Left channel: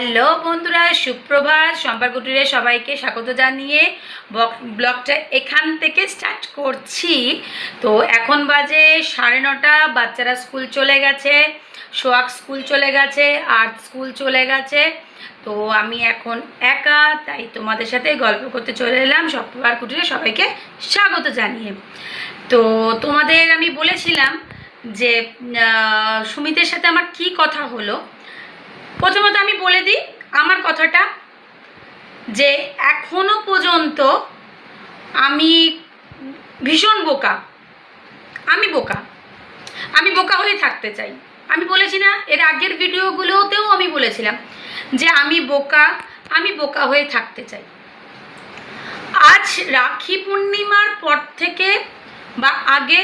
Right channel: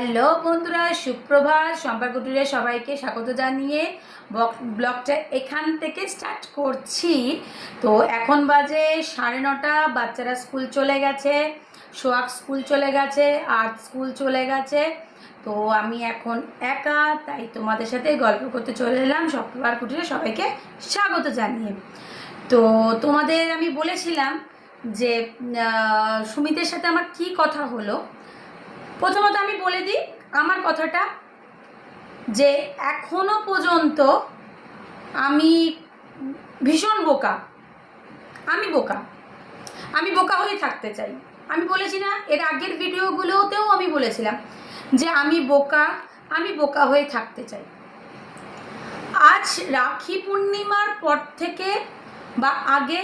Hello বন্ধুরা, সুপ্রভাত। সম্পার কুটিরে সবাইকে স্বাগত জানিয়ে ব্লগটা এখান থেকে স্টার্ট করছি। তো এখন বাজে 9:30, বাচ্চারা স্কুল চলে গেছে, সোহাগ স্কুল চলে গেছে, আর্ট স্কুল চলে গেছে। তো আমি এখন একা, তাই তোমাদের সাথে গল্প করতে চলে এলাম সম্পার কুটিরে সবাইকে স্বাগত জানিয়ে। তো তোমাদের আমি বলেছিলাম যে সুমিতের সাথে আমার কি কথা হলো। প্রথমত আমি বলে দিই আমার কথাটা, যে এখনো পর্যন্ত আমি ভীষণ বোকা। আমি বোকা হয়ে থাকতে চাই। আমি বলেছি না, এর আগের ভিডিওগুলোতেও আমি বলেছিলাম যে আমি বোকা হয়ে থাকতে চাই। আজ রাখি পূর্ণিমার পর থেকে বা আগে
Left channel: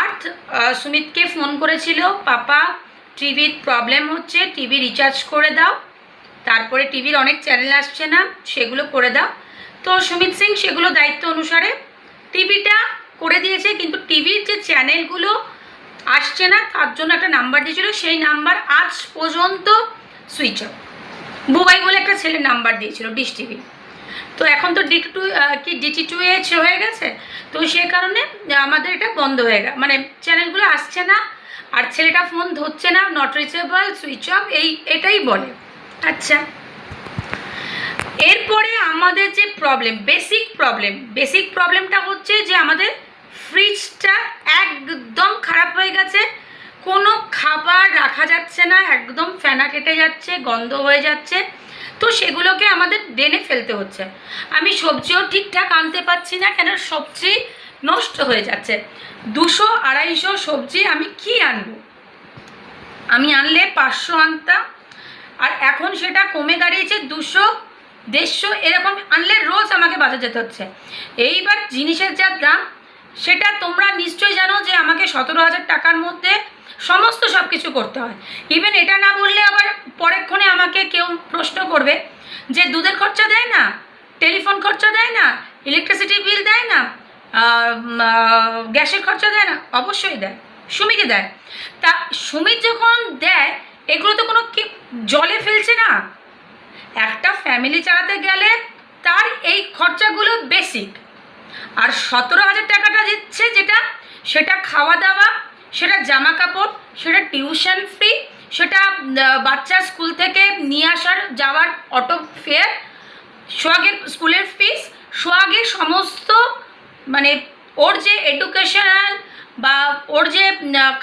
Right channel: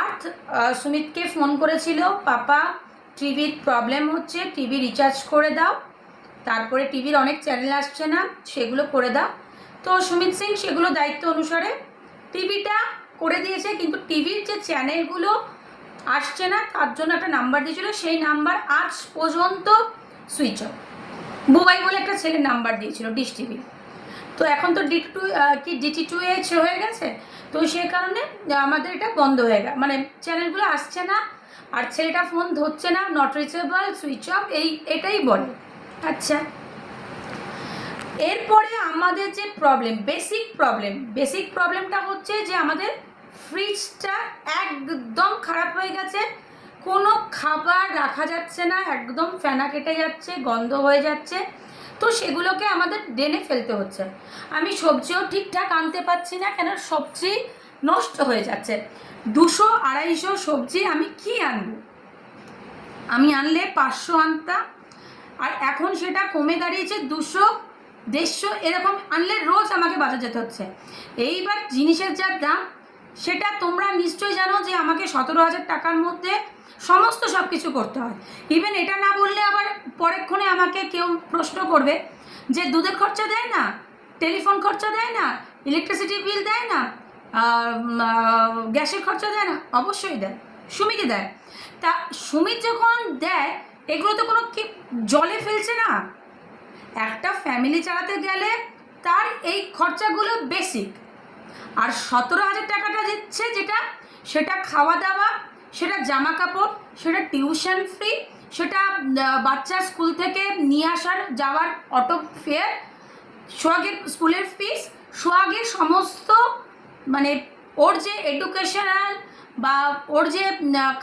আর্থ সুমিতকে ফোন করেছিল, পাপা টিভির প্রবলেম হচ্ছে, টিভি রিচার্জ করে দাও, তারপরে টিভির অনেক চ্যানেল আসছে না, সেগুলো করে দাও। তো সুমিত সিং সেগুলো দায়িত্ব অনুসারে টিভিটা করে দিয়েছে, কিন্তু টিভির যে চ্যানেলগুলো আসছে না তার জন্য একটা নাম্বার দিয়েছিল, সেই নাম্বার আজ পর্যন্ত সুইচ অফ। বুবাই বলে একটা ছেলের নাম্বার দিয়েছিল ডিশ টিভি। তো এখন তো DT2H হয়ে গেছে, তো সে কারণে আমাদের এটা বন্ধ হয়ে গেল, মানে চ্যানেলগুলো আসছে না, আর ছেলেটা ফোন ধরছে না, নট রিচেবল, সুইচ অফ, এটাই বলে। আচ্ছা, এরপরে আমাদের যে বেসিক প্রবলেমটা হচ্ছে যে আমাদের ফ্রিজটা একদম খারাপ হয়ে গেছে। কোনো খাবার রাখা যাচ্ছে না, একদম ফেনা কেটে যাচ্ছে, গন্ধ হয়ে যাচ্ছে। তো সেগুলোকে আমাদের ডেনে ফেলতে হচ্ছে। আমি সবজিও ঠিকঠাক আনতে পারছি না, কেন সবজি নষ্ট হয়ে যাচ্ছে। 200-250 সবজি আমি কি আনবো? আমি আনলে 500 আনতাম, আর এখন সেটা কমে দাঁড়িয়েছে 200-150 এরকম আনলে রোজ আমাকে বাজার যেতে হচ্ছে। এইবার জিনিসের যা দাম সেটা তোমরা নিশ্চয়ই জানো, যে আমাকে 17,000 টাকার মধ্যে সমস্ত সব কিছু করতে হয়। ইভেন এটা না বললে আবার পরেক্ষণে আমাকে কেউ প্রশ্ন করবে যে দুধের খরচা দেয় না, টেলিফোন খরচা দেয় না, ইলেকট্রিসিটি বিল দেয় না, গ্যাসের খরচা দেয় না। অবশ্যই দেয়, সুমিতই দেয়। তা সুমিত যখন দেয়, এগুলো তো কোনো কি জলে ফেলছে না। একটা ফ্যামিলি চালাতে গেলে তার এই খরচাগুলো বেসিক। আর 17,000 টাকাটা দিচ্ছে যেটা, সেটা খাওয়া দাওয়া, সেটা জামা কাপড়, সেটা টিউশন ফি, সেটা বাচ্চা স্কুল থেকে নিয়ে আসার যাওয়ার অটো ফেয়ার, সোহাগের স্কুলের ফিস, সোহাগের সমস্ত মানে ওর যে এডুকেশনাল বা ওর যে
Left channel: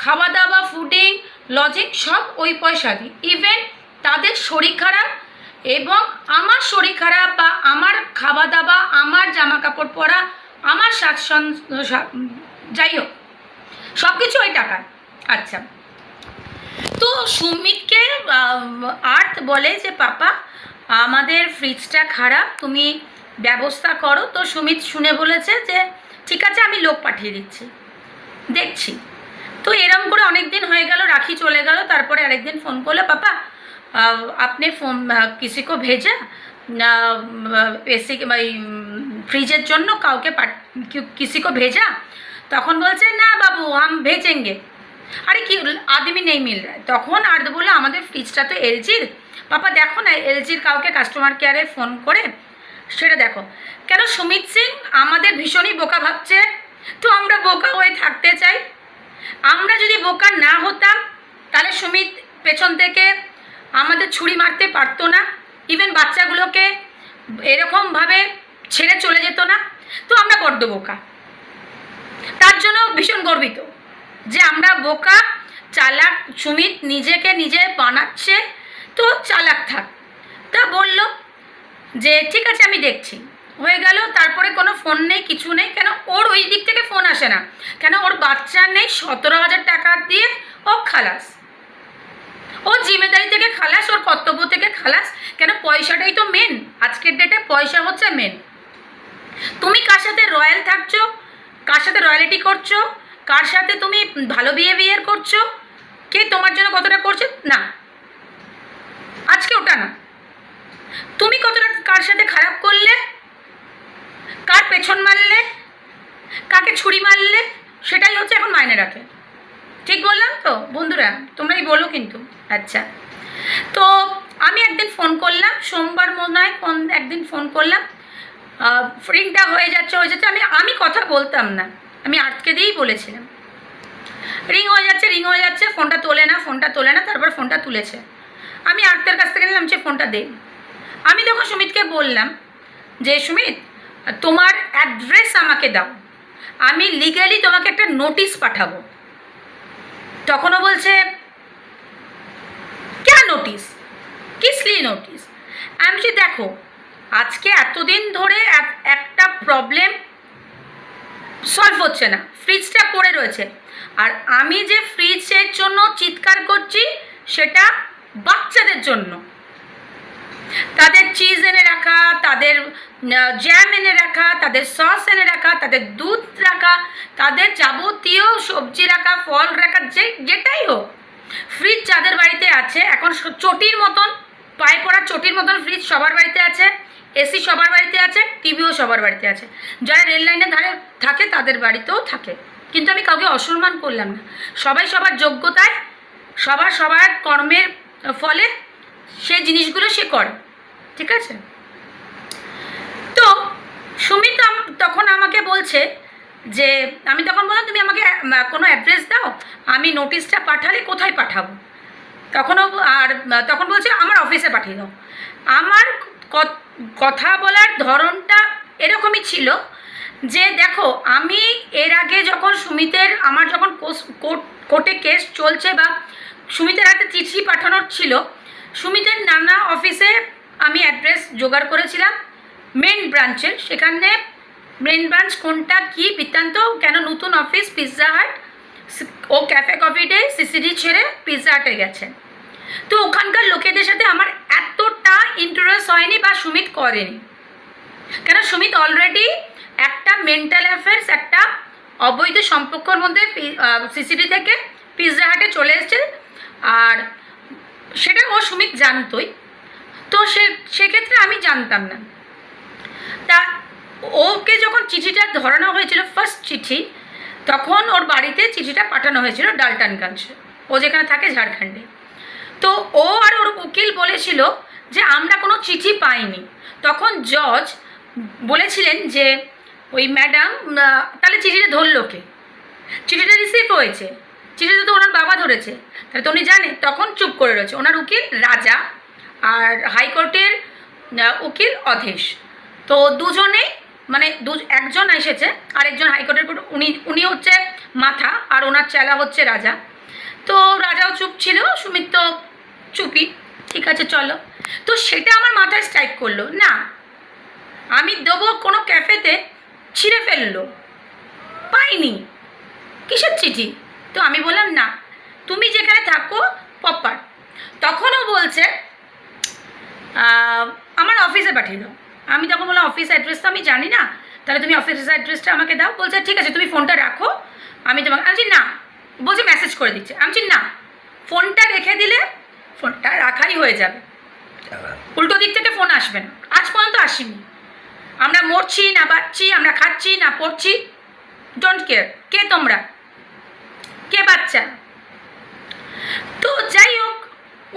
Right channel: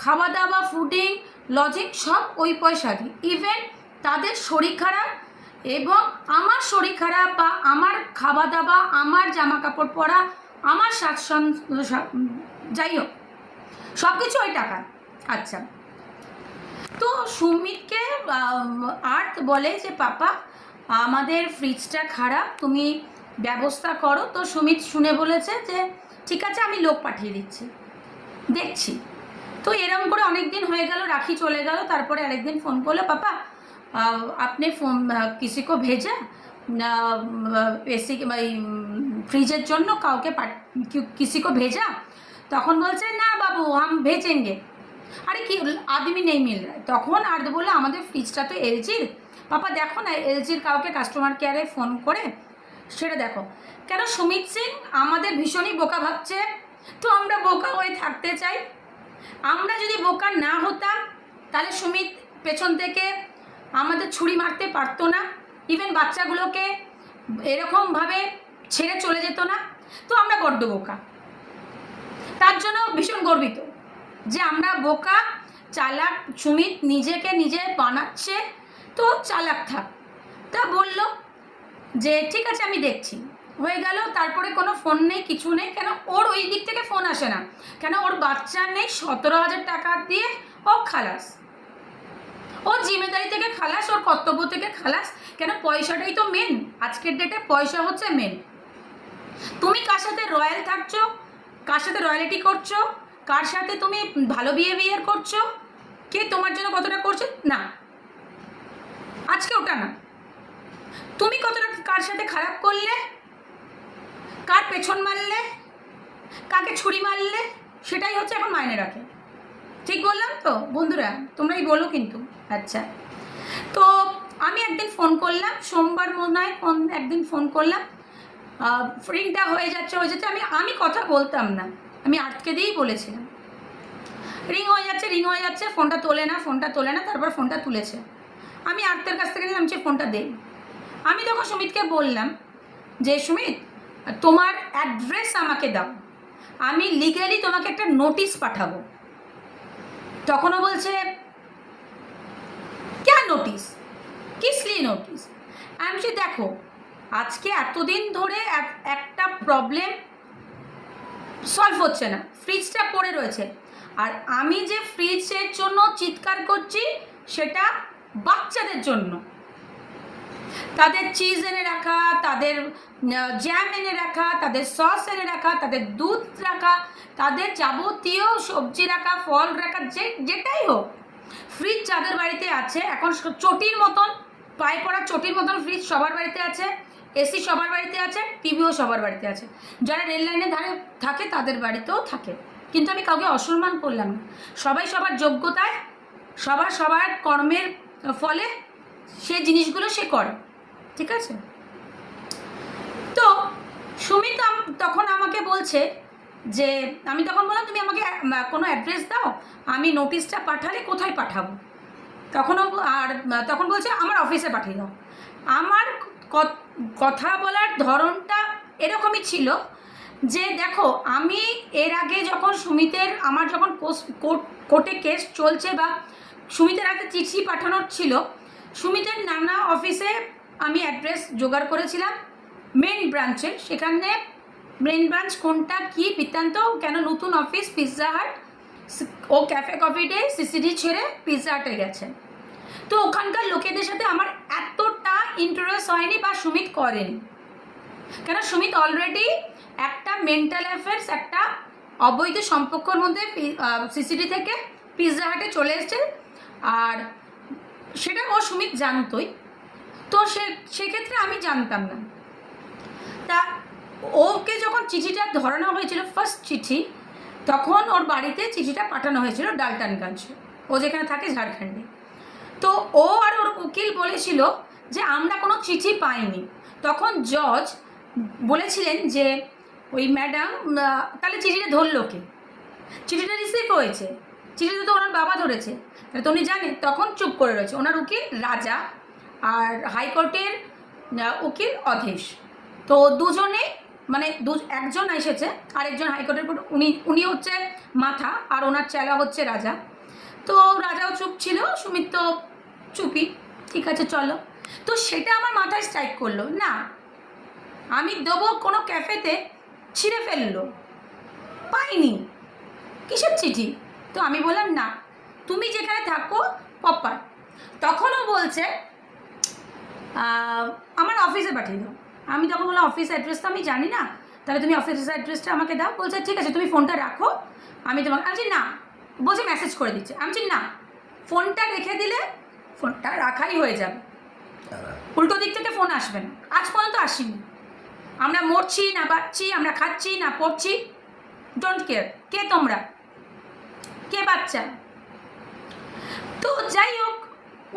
খাওয়া দাওয়া, ফুডিং, লজিং, সব ওই পয়সা দিই। ইভেন তাদের শরীর খারাপ এবং আমার শরীর খারাপ বা আমার খাওয়া দাওয়া, আমার জামা কাপড় পরা, আমার যাই হোক সব কিছু ওই টাকায়। আচ্ছা, তো সুমিতকে আর্থ বলে যে পাপা আমাদের ফ্রিজটা খারাপ, তুমি ব্যবস্থা করো। তো সুমিত শুনে বলেছে যে ঠিক আছে, আমি লোক পাঠিয়ে দিচ্ছি, দেখছি। তো এরম করে অনেক দিন হয়ে গেল, রাখি চলে গেল। তারপরে আরেকদিন ফোন করলো, পাপা আপনি ফোন किसी को भेजा এসি ফ্রিজের জন্য কাউকে किसी को भेजा? তখন বলছে না বাবু हम भेजेंगे। আরে কি আদমি নেই মিল রা। তখন আর বলে আমাদের ফ্রিজটা তো এলজির, পাপা দেখো না এলজির কাউকে কাস্টমার কেয়ারে ফোন করে সেটা দেখো। কেন সুমিত সিং আমাদের ভীষণই বোকা ভাবছে। তো আমরা বোকা হয়ে থাকতে চাই। আমরা যদি বোকা না হতাম তাহলে সুমিত পেছন থেকে আমাদের ছুরি মারতে পারতো না, ইভেন বাচ্চাগুলোকে এরকমভাবে ছেড়ে চলে যেত না। তো আমরা বড্ড বোকা, তার জন্য ভীষণ গর্বিত যে আমরা বোকা, চালাক। সুমিত নিজেকে নিজে বানাচ্ছে, তো চালাক থাক। তা বলল যে ঠিক আছে আমি দেখছি, হয়ে গেল। তারপরে কোনো ফোন নেই, কিছু নেই। কেন ওর ওই দিক থেকে ফোন আসে না, কেন ওর বাচ্চা নেই। 17,000 টাকা দিয়ে ও খালাস, ওর জিম্মেদারি থেকে খালাস, ওর কর্তব্য থেকে খালাস। কেন পয়সাটাই তো মেন, আজকের ডেটে পয়সা হচ্ছে মেন। তুমি কার সাথে রয়্যাল থাকছো, কার সাথে রয়্যালিটি করছো, কার সাথে তুমি ভালো বিহেভিয়ার করছো, কে তোমার জন্য কতটা করছে না, আজকে ওটা না। তুমি কতটা কার সাথে খারাপ করলে, কার পেছন মারলে, কাকে ছুরি মারলে, সেটাই হচ্ছে এখন মাইনে রাখে। ঠিক বললাম তো বন্ধুরা? তোমরাই বলো কিন্তু। আচ্ছা, তো আমি নয় একদিন ফোন করলাম, রিংটা হয়ে যাচ্ছে আমি কথা বলতাম না, আমি আটকে দিয়েই বলেছিলাম রিং হয়ে যাচ্ছে, ফোনটা তোলে না, তারপর ফোনটা তুলেছে। আমি আর্তের কাছ থেকে নিলাম যে ফোনটা দে। আমি তখন সুমিতকে বললাম যে সুমিত, তোমার অ্যাড্রেস আমাকে দাও, আমি লিগালি তোমাকে একটা নোটিশ পাঠাবো। তখনও বলছে क्या নোটিশ, কিস লিয়ে নোটিশ? আমি বলছি দেখো, আজকে এতদিন ধরে একটা প্রবলেম সলভ হচ্ছে না, ফ্রিজটা পড়ে রয়েছে, আর আমি যে ফ্রিজের জন্য চিৎকার করছি সেটা বাচ্চাদের জন্য। তাদের চিজ এনে রাখা, তাদের জ্যাম এনে রাখা, তাদের সস এনে রাখা, তাদের দুধ রাখা, তাদের যাবতীয় সবজি রাখা, ফল রাখা, যেটাই হোক, ফ্রিজ যাদের বাড়িতে আছে, এখন চটির মতন, পায়ে পড়া চটির মতন ফ্রিজ সবার বাড়িতে আছে, এসি সবার বাড়িতে আছে, টিভিও সবার বাড়িতে আছে, যারা রেল লাইনের ধারে থাকে তাদের বাড়িতেও থাকে। কিন্তু আমি কাউকে অসম্মান করলাম না, সবাই সবার যোগ্যতায়, সবার কর্মের ফলে সে জিনিসগুলো সে করে, ঠিক আছে? তো সুমিত তখন আমাকে বলছে যে, আমি তখন বললাম তুমি আমাকে কোনো অ্যাড্রেস দাও, আমি নোটিশটা পাঠালে কোথায় পাঠাবো? তখন বলছে আমার অফিসে পাঠিয়ে দাও। আমার কথা বলার ধরনটা এরকমই ছিল যে দেখো, আমি এর আগে যখন সুমিতের, আমার যখন কোর্টে কেস চলছে বা সুমিতের হাতে চিঠি পাঠানোর ছিল, সুমিতের নানা অফিসে আমি অ্যাড্রেস জোগাড় করেছিলাম মেন ব্রাঞ্চের। সেখানে মেন ব্রাঞ্চ কোনটা, কি বৃত্তান্ত, কেন নতুন অফিস পিৎজা হাট, ও ক্যাফে কফি ডে সিসিডি ছেড়ে পিৎজা হাটে গেছে। তো ওখানকার লোকেদের সাথে আমার এতটা ইন্টারেস্ট হয়নি বা সুমিত করেনি, কেন সুমিত অলরেডি একটা মেন্টাল অ্যাফেয়ার্স, একটা অবৈধ সম্পর্কর মধ্যে সিসিডি থেকে পিৎজা হাটে চলে এসছে, আর সেটা সুমিত জানতোই। তো সেক্ষেত্রে আমি জানতাম না। তা ওকে যখন চিঠিটা ধরানো হয়েছিল, ফার্স্ট চিঠি, তখন ওর বাড়িতে চিঠিটা পাঠানো হয়েছিল ডালটনগঞ্জ, ও যেখানে থাকে ঝাড়খণ্ডে। তো ও আর ওর উকিল বলেছিল যে আমরা কোনো চিঠি পাইনি। তখন জজ বলেছিলেন যে ওই ম্যাডাম, তাহলে চিঠিটা ধরলো কে? চিঠিটা রিসিভ হয়েছে, চিঠিটা তো ওনার বাবা ধরেছে, তাহলে তো উনি জানেন। তখন চুপ করে রয়েছে ওনার উকিল রাজা আর হাইকোর্টের উকিল অধেশ। তো দুজনেই, মানে একজন এসেছে, আরেকজন হাইকোর্টের উনি হচ্ছে মাথা, আর ওনার চেলা হচ্ছে রাজা। তো রাজাও চুপ ছিল, সুমিত তো চুপই, ঠিক আছে চলো। তো সেটা আমার মাথায় স্ট্রাইক করলো, না আমি দেবো, কোনো ক্যাফেতে ছিঁড়ে ফেললো, পাইনি, কিসের চিঠি? তো আমি বললাম না, তুমি যেখানে থাকো প্রপার। তখনও বলছে আমার অফিসে পাঠিয়ে দাও। আমি তখন বললাম অফিস অ্যাড্রেস তো আমি জানি না, তাহলে তুমি অফিসের অ্যাড্রেসটা আমাকে দাও। বলছে ঠিক আছে তুমি ফোনটা রাখো, আমি তোমাকে, আমি না, বলছে মেসেজ করে দিচ্ছে। আমি না, ফোনটা রেখে দিলে ফোনটা রাখাই হয়ে যাবে, উল্টো দিক থেকে ফোন আসবে না, আজ পর্যন্ত আসেনি। আমরা মরছি না বাঁচছি, আমরা খাচ্ছি না পড়ছি, ডোন্ট কেয়ার, কে তোমরা, কে বাচ্চা? তো যাই হোক,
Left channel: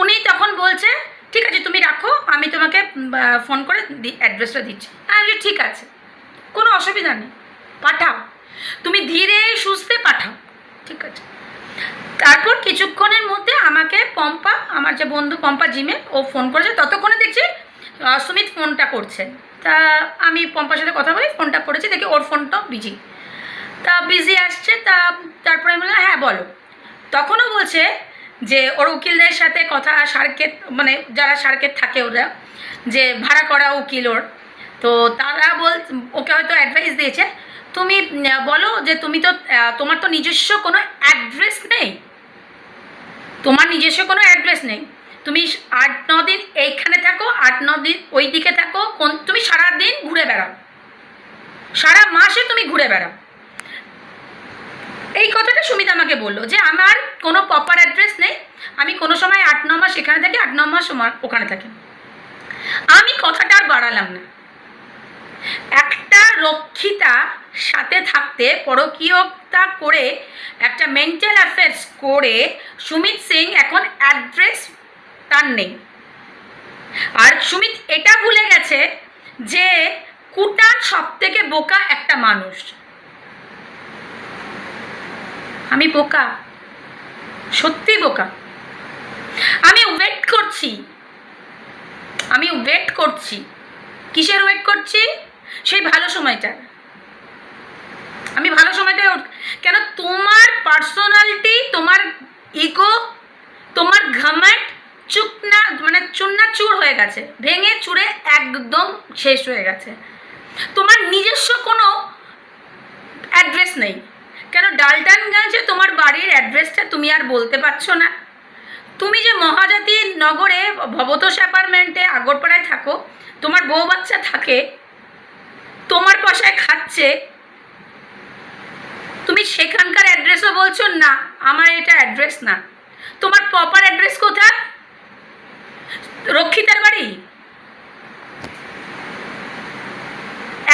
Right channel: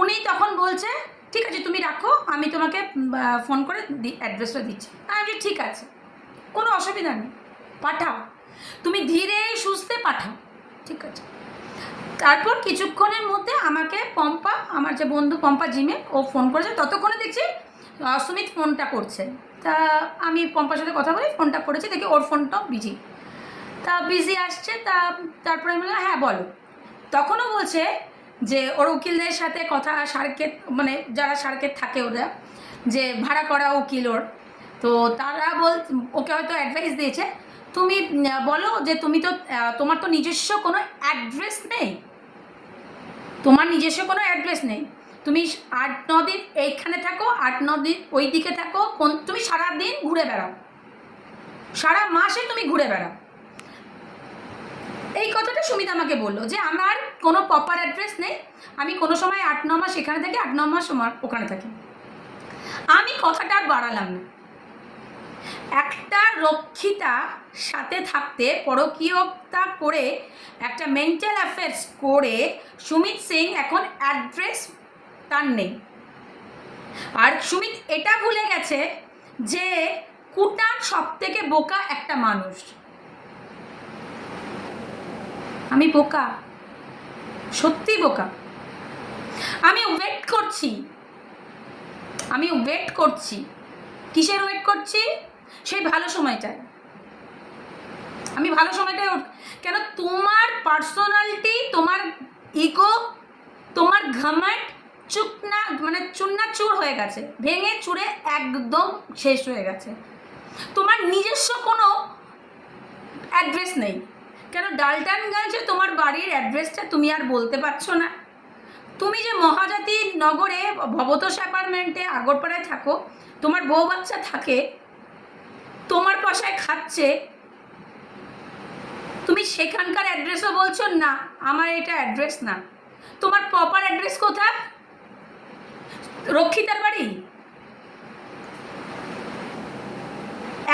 উনি তখন বলছে ঠিক আছে তুমি রাখো, আমি তোমাকে ফোন করে অ্যাড্রেসটা দিচ্ছি। আমি ঠিক আছে, কোনো অসুবিধা নেই, পাঠাও, তুমি ধীরে সুস্থে পাঠাও, ঠিক আছে। তারপর কিছুক্ষণের মধ্যে আমাকে পম্পা, আমার যে বন্ধু পম্পা জিমে, ও ফোন করেছে। ততক্ষণে দেখছি সুমিত ফোনটা করছে। তা আমি পম্পার সাথে কথা বলি, ফোনটা করেছি, দেখি ওর ফোনটাও বিজি। তা বিজি আসছে, তারপরে আমি বললাম হ্যাঁ বলো। তখনও বলছে যে ওর উকিলদের সাথে কথা, সার্কেট, মানে যারা সার্কেট থাকে ওরা, যে ভাড়া করা উকিল ওর, তো তারা ওকে হয়তো অ্যাডভাইস দিয়েছে, তুমি বলো যে তোমার তো নিজস্ব কোনো অ্যাড্রেস নেই, তোমার নিজস্ব কোনো অ্যাড্রেস নেই, তুমি 8-9 দিন এইখানে থাকো, 8-9 দিন ওই দিকে থাকো, তুমি সারাদিন ঘুরে বেড়াও, সারা মাসে তুমি ঘুরে বেড়াও। এই কথাটা সুমিত আমাকে বললো যে আমার কোনো প্রপার অ্যাড্রেস নেই, আমি কোনো সময় 8-9 মাস এখানে থাকি, 8-9 মাস ওখানে থাকি। আমি কথাটা আর বাড়ালাম না। একটা রক্ষিতা সাথে থাকতে পরকীয়তা করে, একটা মেন্টাল অ্যাফেয়ার্স করে সুমিত সিং এখন অ্যাড্রেস তার নেই। আর সুমিত এটা ভুলে গেছে যে কুটান সব থেকে বোকা একটা মানুষ। আমি বোকা, সত্যি বোকা। আমি ওয়েট করছি। কিসের ওয়েট করছি? সেই ভালো সময়টা। আমি ভালো সময়টায় কেন? তোমার পার্সোনালিটি, তোমার ইগো, তোমার ঘামাট চূর্ণাচূর হয়ে গেছে, ভেঙে চুরে একদম শেষ হয়ে গেছে। তোমার নিজস্ব কোনো অ্যাড্রেস নেই। কেন ডালটানগঞ্জে তোমার বাড়ির অ্যাড্রেসটা তুমি আর বলতে পারছো না? তুমি যে মহাজাতি নগরে ভবতোষ অ্যাপার্টমেন্টে আগরপাড়ায় থাকো, তোমার বউ বাচ্চা থাকে, তোমার পয়সায় খাচ্ছে, তুমি সেখানকার অ্যাড্রেসও বলছো না আমার এটা অ্যাড্রেস না। তোমার প্রপার অ্যাড্রেস কোথায়? রক্ষিতার বাড়ি।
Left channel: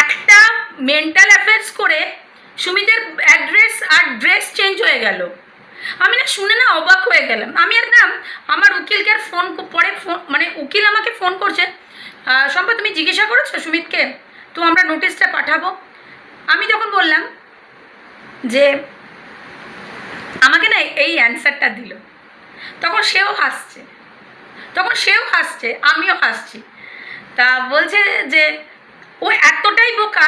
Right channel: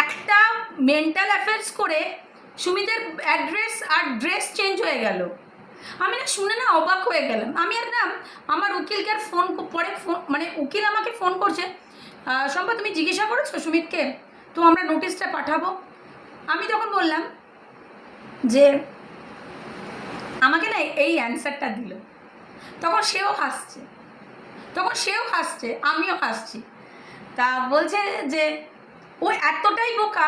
একটা মেন্টাল অ্যাফেয়ার্স করে সুমিতের অ্যাড্রেস আর ড্রেস চেঞ্জ হয়ে গেল। আমি না শুনে না অবাক হয়ে গেলাম। আমি আর না আমার উকিলকে আর ফোন মানে উকিল আমাকে ফোন করছে, শম্পা তুমি জিজ্ঞাসা করেছো সুমিতকে, তো আমরা নোটিশটা পাঠাবো। আমি যখন বললাম যে আমাকে না এই অ্যান্সারটা দিল, তখন সেও হাসছে, আমিও হাসছি। তা বলছে যে ও এতটাই বোকা।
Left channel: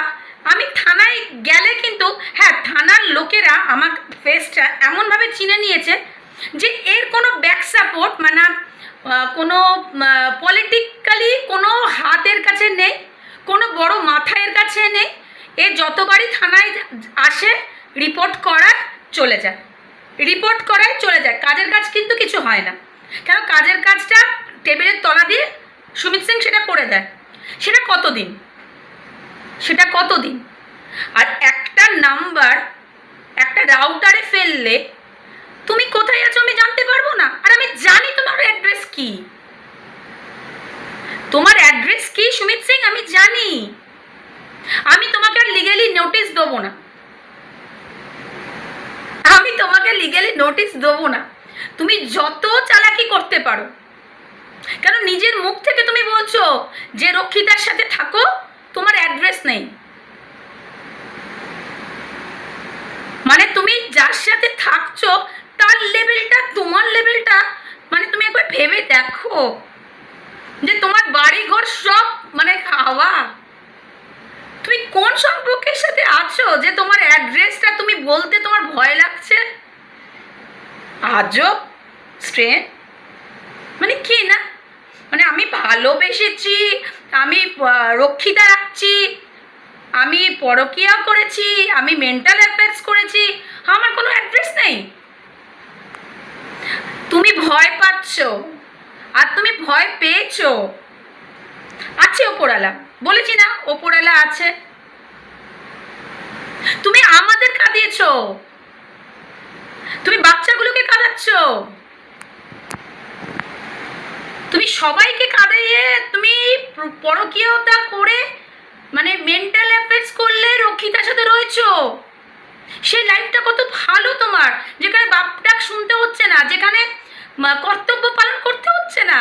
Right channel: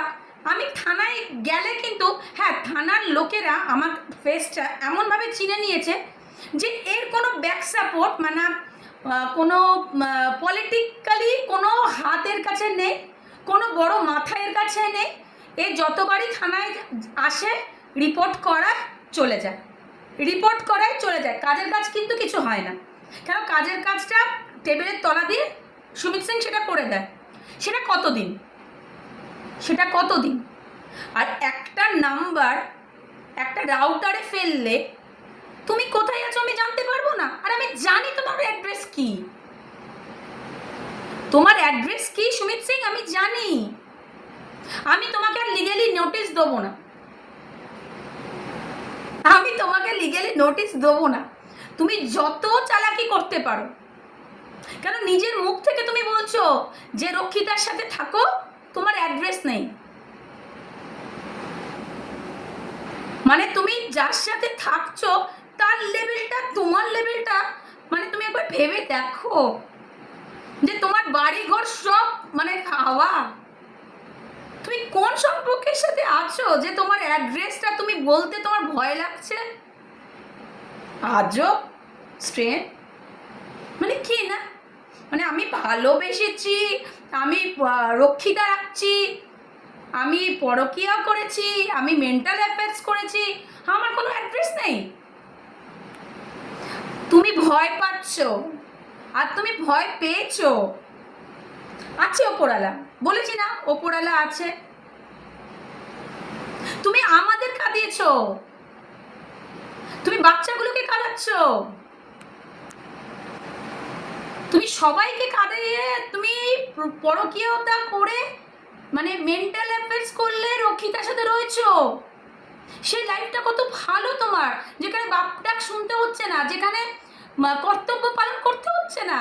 আমি থানায় গেলে কিন্তু, হ্যাঁ, থানার লোকেরা আমার ফেসটা এমনভাবে চিনে নিয়েছে যে এর কোনো ব্যাক সাপোর্ট মানে কোনো পলিটিক্যালি কোনো হাতের কাছে নেই, কোনো বড় মাথায়ের কাছে নেই। এ যতবারই থানায় আসে রিপোর্ট করায় চলে যায়, কাজের কাজ কিন্তু কিছু হয় না। কেন? কাজের কাজটা টেবিলের তলা দিয়ে সুমিত সিং সেটা করে দেয়। সেটা কতদিন? আর একটা নাম্বার একটা রাউটারে ফেললে তুমি কোথায় আছো আমি জানতে পারবো না? আর আমি জানি তোমার অ্যাড্রেস কি সুমিত সিং, আমি জানি। আমি তোমাকে আর লিগ্যালি নোটিশ দেবো না, তুমি যত চালাকি করতে পারো। কেন নিজের মুখ থেকে তুমি বলছো যে রক্ষিতার সাথে থাকো, তোমার অ্যাড্রেস নেই। মানে তুমি যার সাথে থাকছো তার লেভেলটা, তোমার লেভেলটা, মানে তুমি একবার ভেবে দেখো যে তোমার বাড়ি ঘর সব মানে খাওয়া। তুমি কোন সম্পর্কের সাথে আছো যে তোমার অ্যাড্রেসটা তুমি বলতে তোমার ভয় লাগছে? আজও স্ট্রেন মানে কি না, মানে আমি ভালোবেসেছি, আমি রক্ষিতা রাখছি, আমি পরকীয়া করেছি, আমি মেন্টাল অ্যাফেয়ার্স করেছি, আমার কোনো অ্যাড্রেস নেই। তুমি ভয় পাচ্ছ, আর তুমি ভয় পেয়েছো। আছে ওপরওয়ালা, বলেছি না ওপরওয়ালা আছে। তুমি আমাদের কাঁদিয়েছো, তুমি বাচ্চাগুলোকে কাঁদাচ্ছ, তুমি সবাইকে কাঁদিয়ে তুমি পরকীয়তা করে মানে মেন্টাল অ্যাফেয়ার্স করলে রক্ষিতার সাথে রয়েছো। সেই লাইফটা কত ভালো তোমার, যেখানে বাপ ডাক শুনতে হচ্ছে না, যেখানে কর্তব্য পালন করতে হচ্ছে না,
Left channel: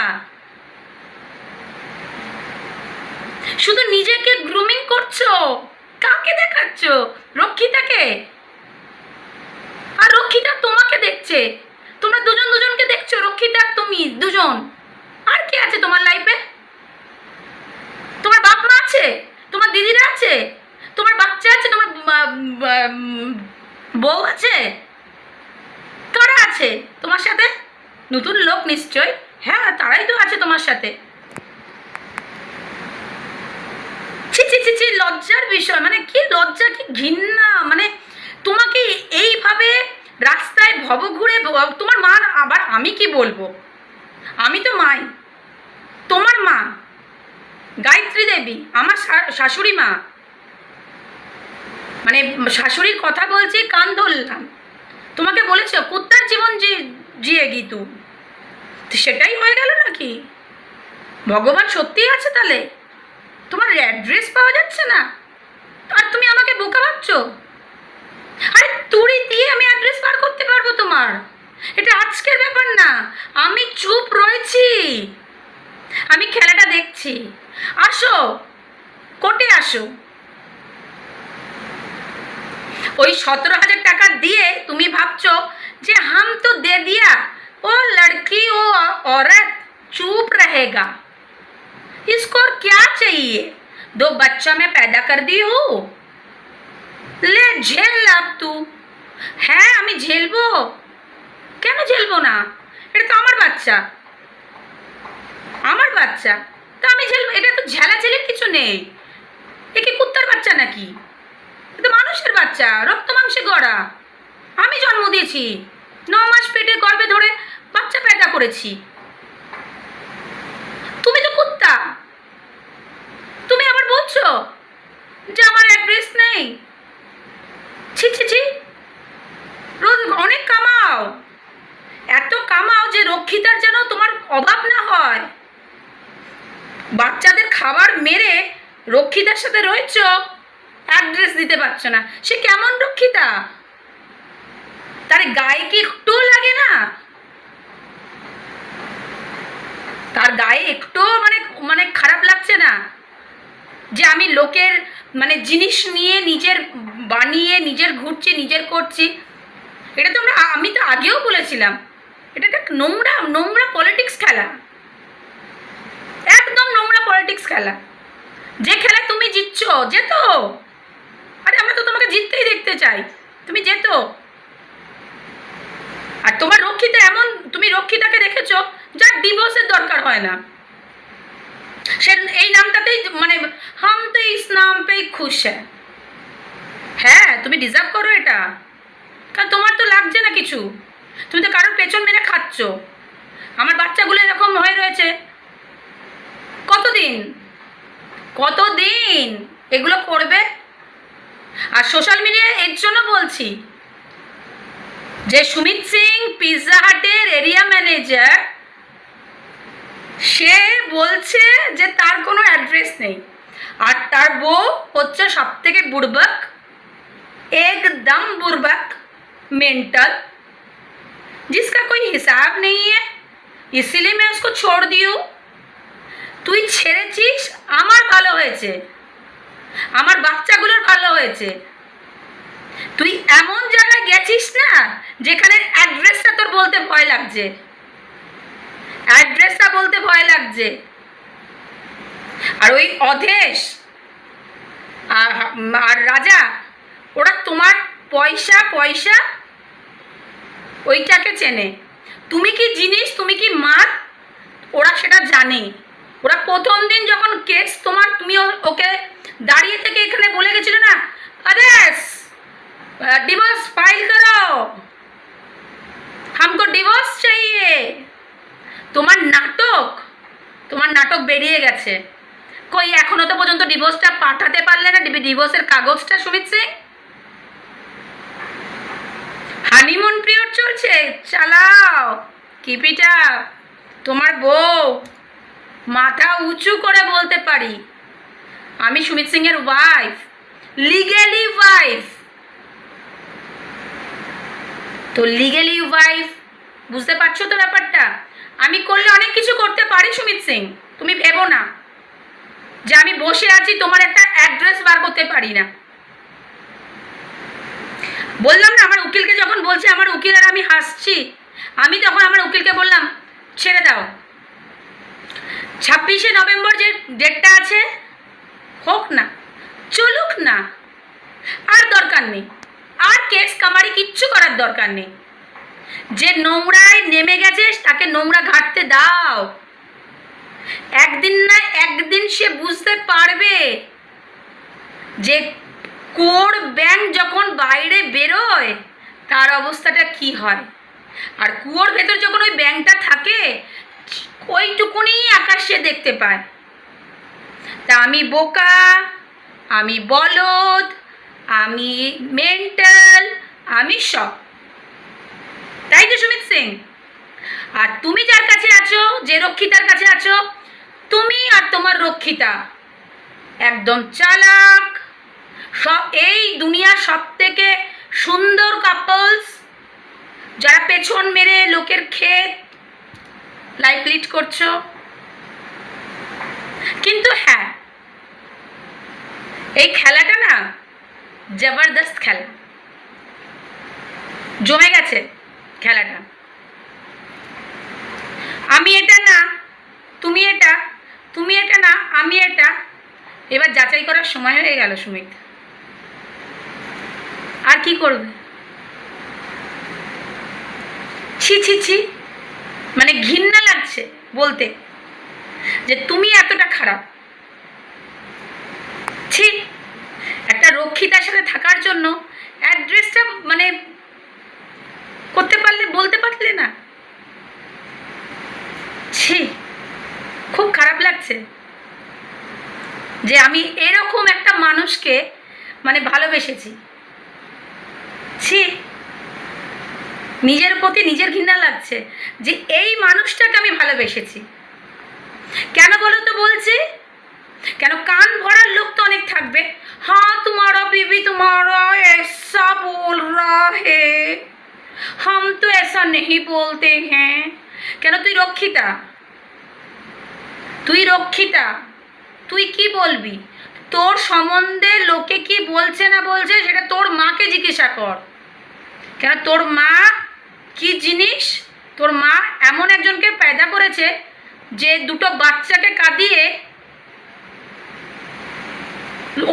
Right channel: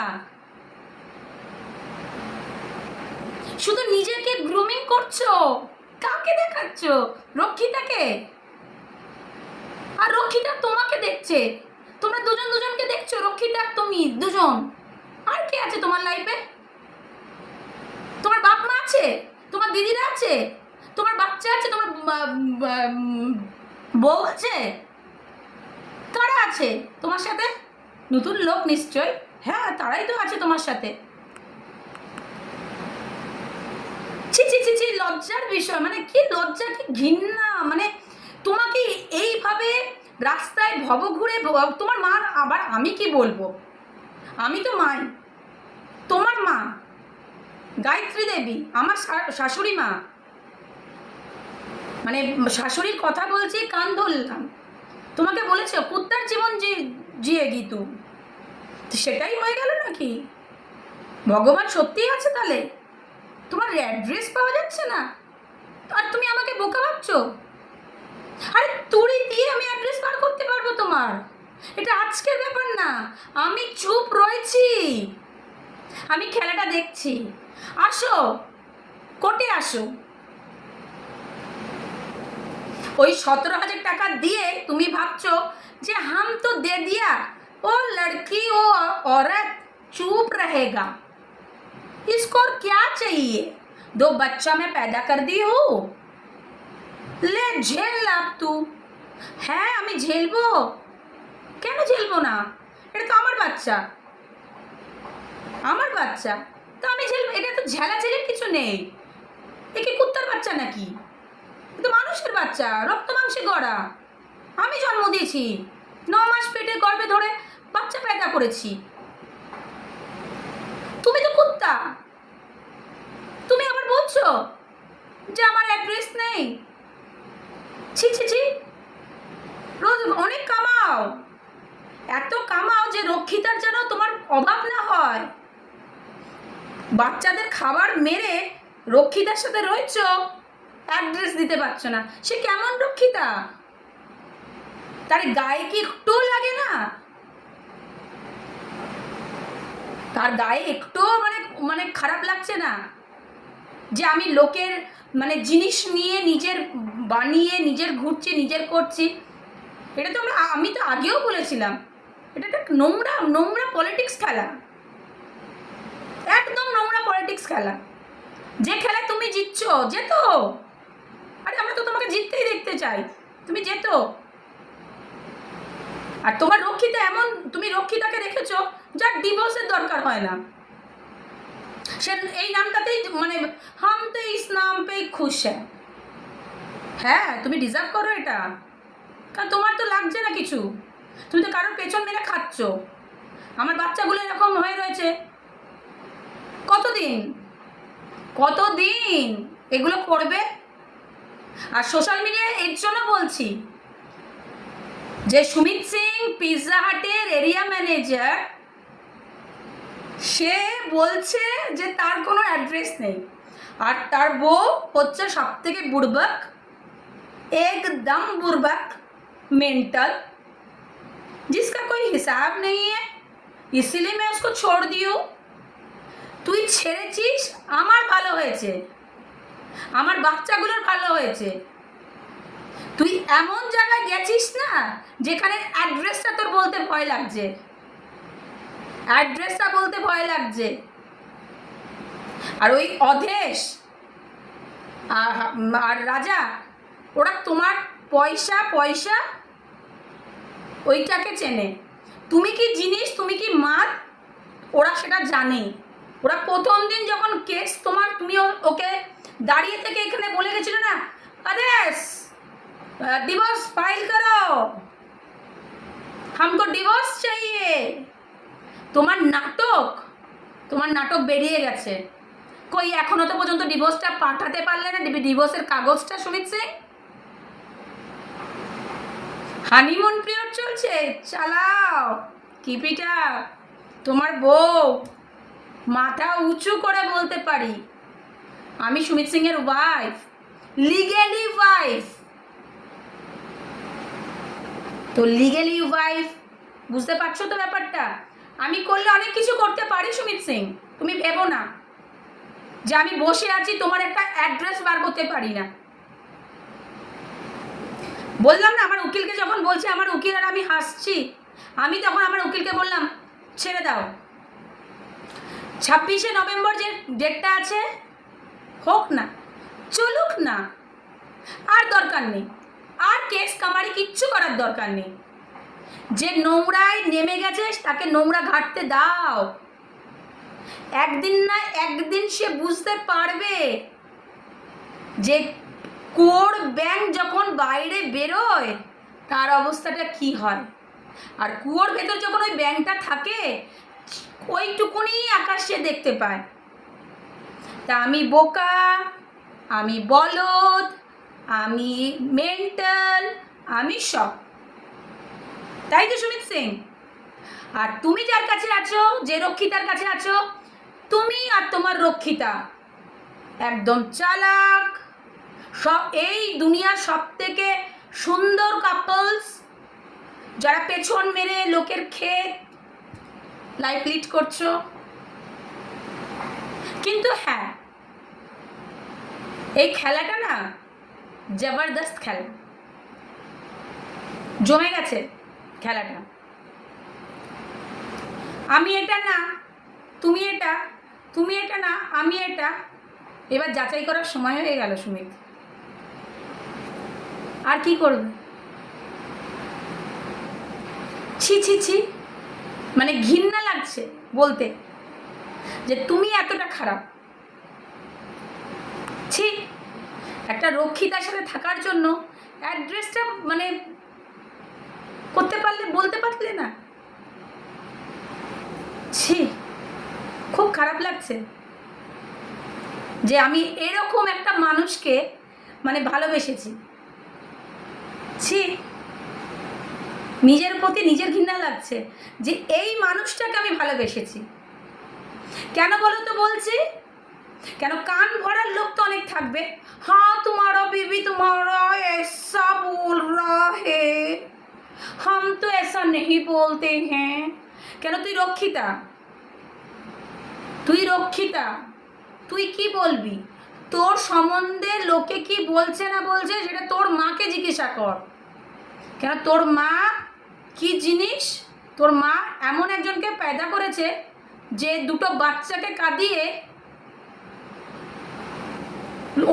শুধু নিজেকে গ্রুমিং করছো। কাকে দেখাচ্ছ? রক্ষিতাকে। আর রক্ষিতা তোমাকে দেখছে, তোমরা দুজনকে দেখছো, রক্ষিতা তুমি দুজন। আর কে আছে তোমার লাইফে? তোমার বাপ মা আছে, তোমার দিদিরা আছে, তোমার বাচ্চা আছে, তোমার বউ আছে, কারা আছে তোমার সাথে? নতুন লোক নিশ্চয়, হ্যাঁ তারাই তো আছে তোমার সাথে। ছি, লজ্জার বিষয়, মানে কি লজ্জা, কি ঘৃণা। মানে তোমাকে এইভাবে রাস্তায় ভব ঘুরে তোমার মা, আবার আমি কি বলবো, আমি তো মাই, তোমার মা গায়ত্রী দেবী আমার শাশুড়ি মা, মানে শাশুড়ির কথা বলছি, কান ধরলাম। তোমাকে বলেছ কুত্তার জীবন জিয়ে গিতু, সেটাই হয়ে গেল নাকি? ভগবান সত্যিই আছে তাহলে? তোমার অ্যাড্রেস পাওয়া যাচ্ছে না আর তুমি আমাকে বোকা ভাবছো? আরে তুড়ি দিয়ে আমি অ্যাড্রেস বার করতে পারবো তোমার, এটা আজকের ব্যাপার না। আমি চুপ রয়েছি, আমি খেলাটা দেখছি, আসো কোর্টে আসো। ওই 17,000 টাকা দিয়ে তুমি ভাবছো যে হাম তো দে দিয়া, ও লড়কি ও औरत चुप रहेगा, इसको और क्या चाहिए, 2 बच्चा मैं पैदा कर दी हूँ, ले झेल अब तू। হ্যাঁ আমি ঝেলবো, কেন ঝেলবো না, এটা তো আমার বাচ্চা, আমার বাচ্চা, তো আমি ঝেলবো, এটা তো ঝেলাঝেলির কিছু নেই। এ কি কুত্তার বাচ্চা নাকি, এ তো মানুষের বাচ্চা, রক্ত মাংসে গড়া। আমি জন্ম দিয়েছি, 9 মাস পেটে গর্ভে ধরে বাচ্চা পেদা করেছি। তুমি তো কুত্তা, তুমি আবার বলছো যে আমার অ্যাড্রেস নেই। ছি ছি ছি, রোজ অনেক কামাও, এত কামাও যে রক্ষিতার যেন তোমার অভাব না হয়। বাচ্চাদের খাবার মেরে রক্ষিতার সাথে রয়েছ, অ্যাড্রেস দিতে পারছো না, সে কেমন রক্ষিতা, তার গায়ে কি একটু লাগে না, তার গায়ে একটু মানে মানে খারাপ লাগছে না যে আমি লোকের মানে জিনিস নিয়ে নিজের বানিয়ে নিজের ঘুরছি নিজের করছি। এটা তো আমি তো আগেও বলেছিলাম, এটা একটা নোংরা নোংরা পলিটিক্স খেলা, একদম নোংরা পলিটিক্স খেলা। যে খেলা তুমি জিতছ, যেত, আরে আমরা তো তোমাকে জিততেই দেখতে চাই, তুমি যেত। আর তোমার রক্ষিতা এমন, তুমি রক্ষিতাকে দেখেছো যার ডিভোর্সের দরকার হয় না, সে এই নামটাতেই মানে হাম তো ইস নাম পেই খুশ হ্যাঁ তুমি ডিজার্ভ করো এটা, কারণ তোমার তো লাগছে না কিছু, তুমি তো কারোর পেছন মেরে খাচ্ছ। আমার বাচ্চাগুলো এরকম হয়ে রয়েছে, কতদিন কতদিন এগুলো করবে। আর সোশ্যাল মিডিয়ায় এর জন্য বলছি যে সুমিত সিং পিৎজা হাটের এরিয়া ম্যানেজার, সে বলছে যে তার কোনো অ্যাড্রেস নেই, আর তার বউ হচ্ছে সব থেকে বুড়বাক, एकदम बुर्बक, मेंटल, जिसका कोई हिसाब नहीं है, इसीलिए मैं उसको छोड़ दी हूँ। তুই ছেড়েছিস, আমার ভালো হয়েছে, আমার বাচ্চাগুলোর ভালো হয়েছে। তুই এমন জায়গায় গেছিস না যেখানে অ্যাড্রেসটা তোর বলতে ভয় লাগছে, অ্যাড্রেসটা বলতে ভয় লাগছে। আর ওই অধেশ আর রাজা, ওরা তোমার পয়সা পয়সা ওইটাকে চেনে, তুমি কি জিনিস, তুমি কি মাল, ওরা সেটা জানে। ওরা প্রথম দিন যখন কেস তোমার, তুমি ওকে দাঁড়িয়ে থেকে এখানে বলে গেছিল না, আদেশ ডিভোর্স ফাইল করো, हमको ডিভোর্স চাইয়ে। তোমার নাটক বেরিয়ে গেছে। কই এখনো তো পর্যন্ত ডিভোর্সটা পাঠাতে পারলে না, ডিভোর্সের কাগজটা সুমিত সিং। হানিমুন পিরিয়ড চলছে, চালাও, কিপ ইট আপ। তোমার বউ মাথা উঁচু করে বলতে পারি, আমি সুমিত সিং এর ওয়াইফ, লিগেলি ওয়াইফ। তো লিগেলি ওয়াইফ, বুঝতে পারছো তো ব্যাপারটা। আমি করলে অনেক কিছু করতে পারি সুমিত সিং, তুমি ভেবো না যে আমি বসে আছি তোমার একটা অ্যাড্রেস বার করতে পারি না। বললাম না, আমার উকিলকে যখন বলছে, আমার উকিল আর আমি হাসছি, আমি তখন আমার উকিলকে বললাম ছেড়ে দাও, 26শে নভেম্বর যে ডেটটা আছে হোক না, চলুক না, আর দরকার নেই, আর কেস কামারি কিচ্ছু করার দরকার নেই। যে নোংরায় নেমে গেছে তাকে নোংরা ঘাটতে দাও, একদিন না একদিন সে বুঝতে পারবে যে কোর ব্যাং যখন বাইরে বেরোয় তার অবস্থাটা কি হয়। আর কুয়োর ভেতর যখন ওই ব্যাংটা থাকে, ওইটুকুনি আকাশ সে দেখতে পায়। তা আমি বোকা, আমি বলদ, আমি মেন্টাল, আমি সব, তাই তো সুমিত সিং। আর তুমি যার কাছে আছো, যে রক্ষিতার কাছে আছো, তুমি আর তোমার রক্ষিতা একদম চালাক, সব এই দুনিয়ার সব থেকে সুন্দর কাপলস, যারা পেছন মেরে লোকের ক্ষেত লাইফ লিড করছো। কিন্তু হ্যাঁ, এই খেলাটা না জবরদস্ত খেলা, জমে গেছে খেলাটা। আমি এটা না, তুমি এটা, তুমি এটা না, আমি এটা। এবার যাচাই করার সময় হয়ে গেল সুমিত, আর কি করবে? ছি ছি ছি, মানে ঘৃণা লাগছে বলতে যে তুমি এতটা খারাপ। ছি, একটা রক্ষিতার সাথে থাকার জন্য অ্যাড্রেসটা মানে করতে পারলে, বলতে পারলে না? ছি, খুব খারাপ লাগছে যে আমি এরকম একটা মানুষকে মানে ভালোবেসেছি। ছি, নিজের প্রতি নিজের ঘৃণা লাগছে যে এই মানুষটাকে আমি ভালোবেসেছি। কেন বলো তো বলছি? কেন, কান ভরার লোক তো অনেক থাকবে। হ্যাঁ তোমারা बीवी तुम्हारा ऐसा बोल रहा है, हम तो ऐसा नहीं बोलते हैं। কেন, তুই রক্ষিতা, তুই রক্ষিতা, তুই কি বলবি? তোর সম্বন্ধে লোকে কি বলছে না বলছে সেটা তোর মাকে জিজ্ঞাসা কর। কেন, তোর মা কি জিনিস? তোর মা এমন একজনকে पैदा করেছে যে দুটো বাচ্চাকে কাঁদিয়ে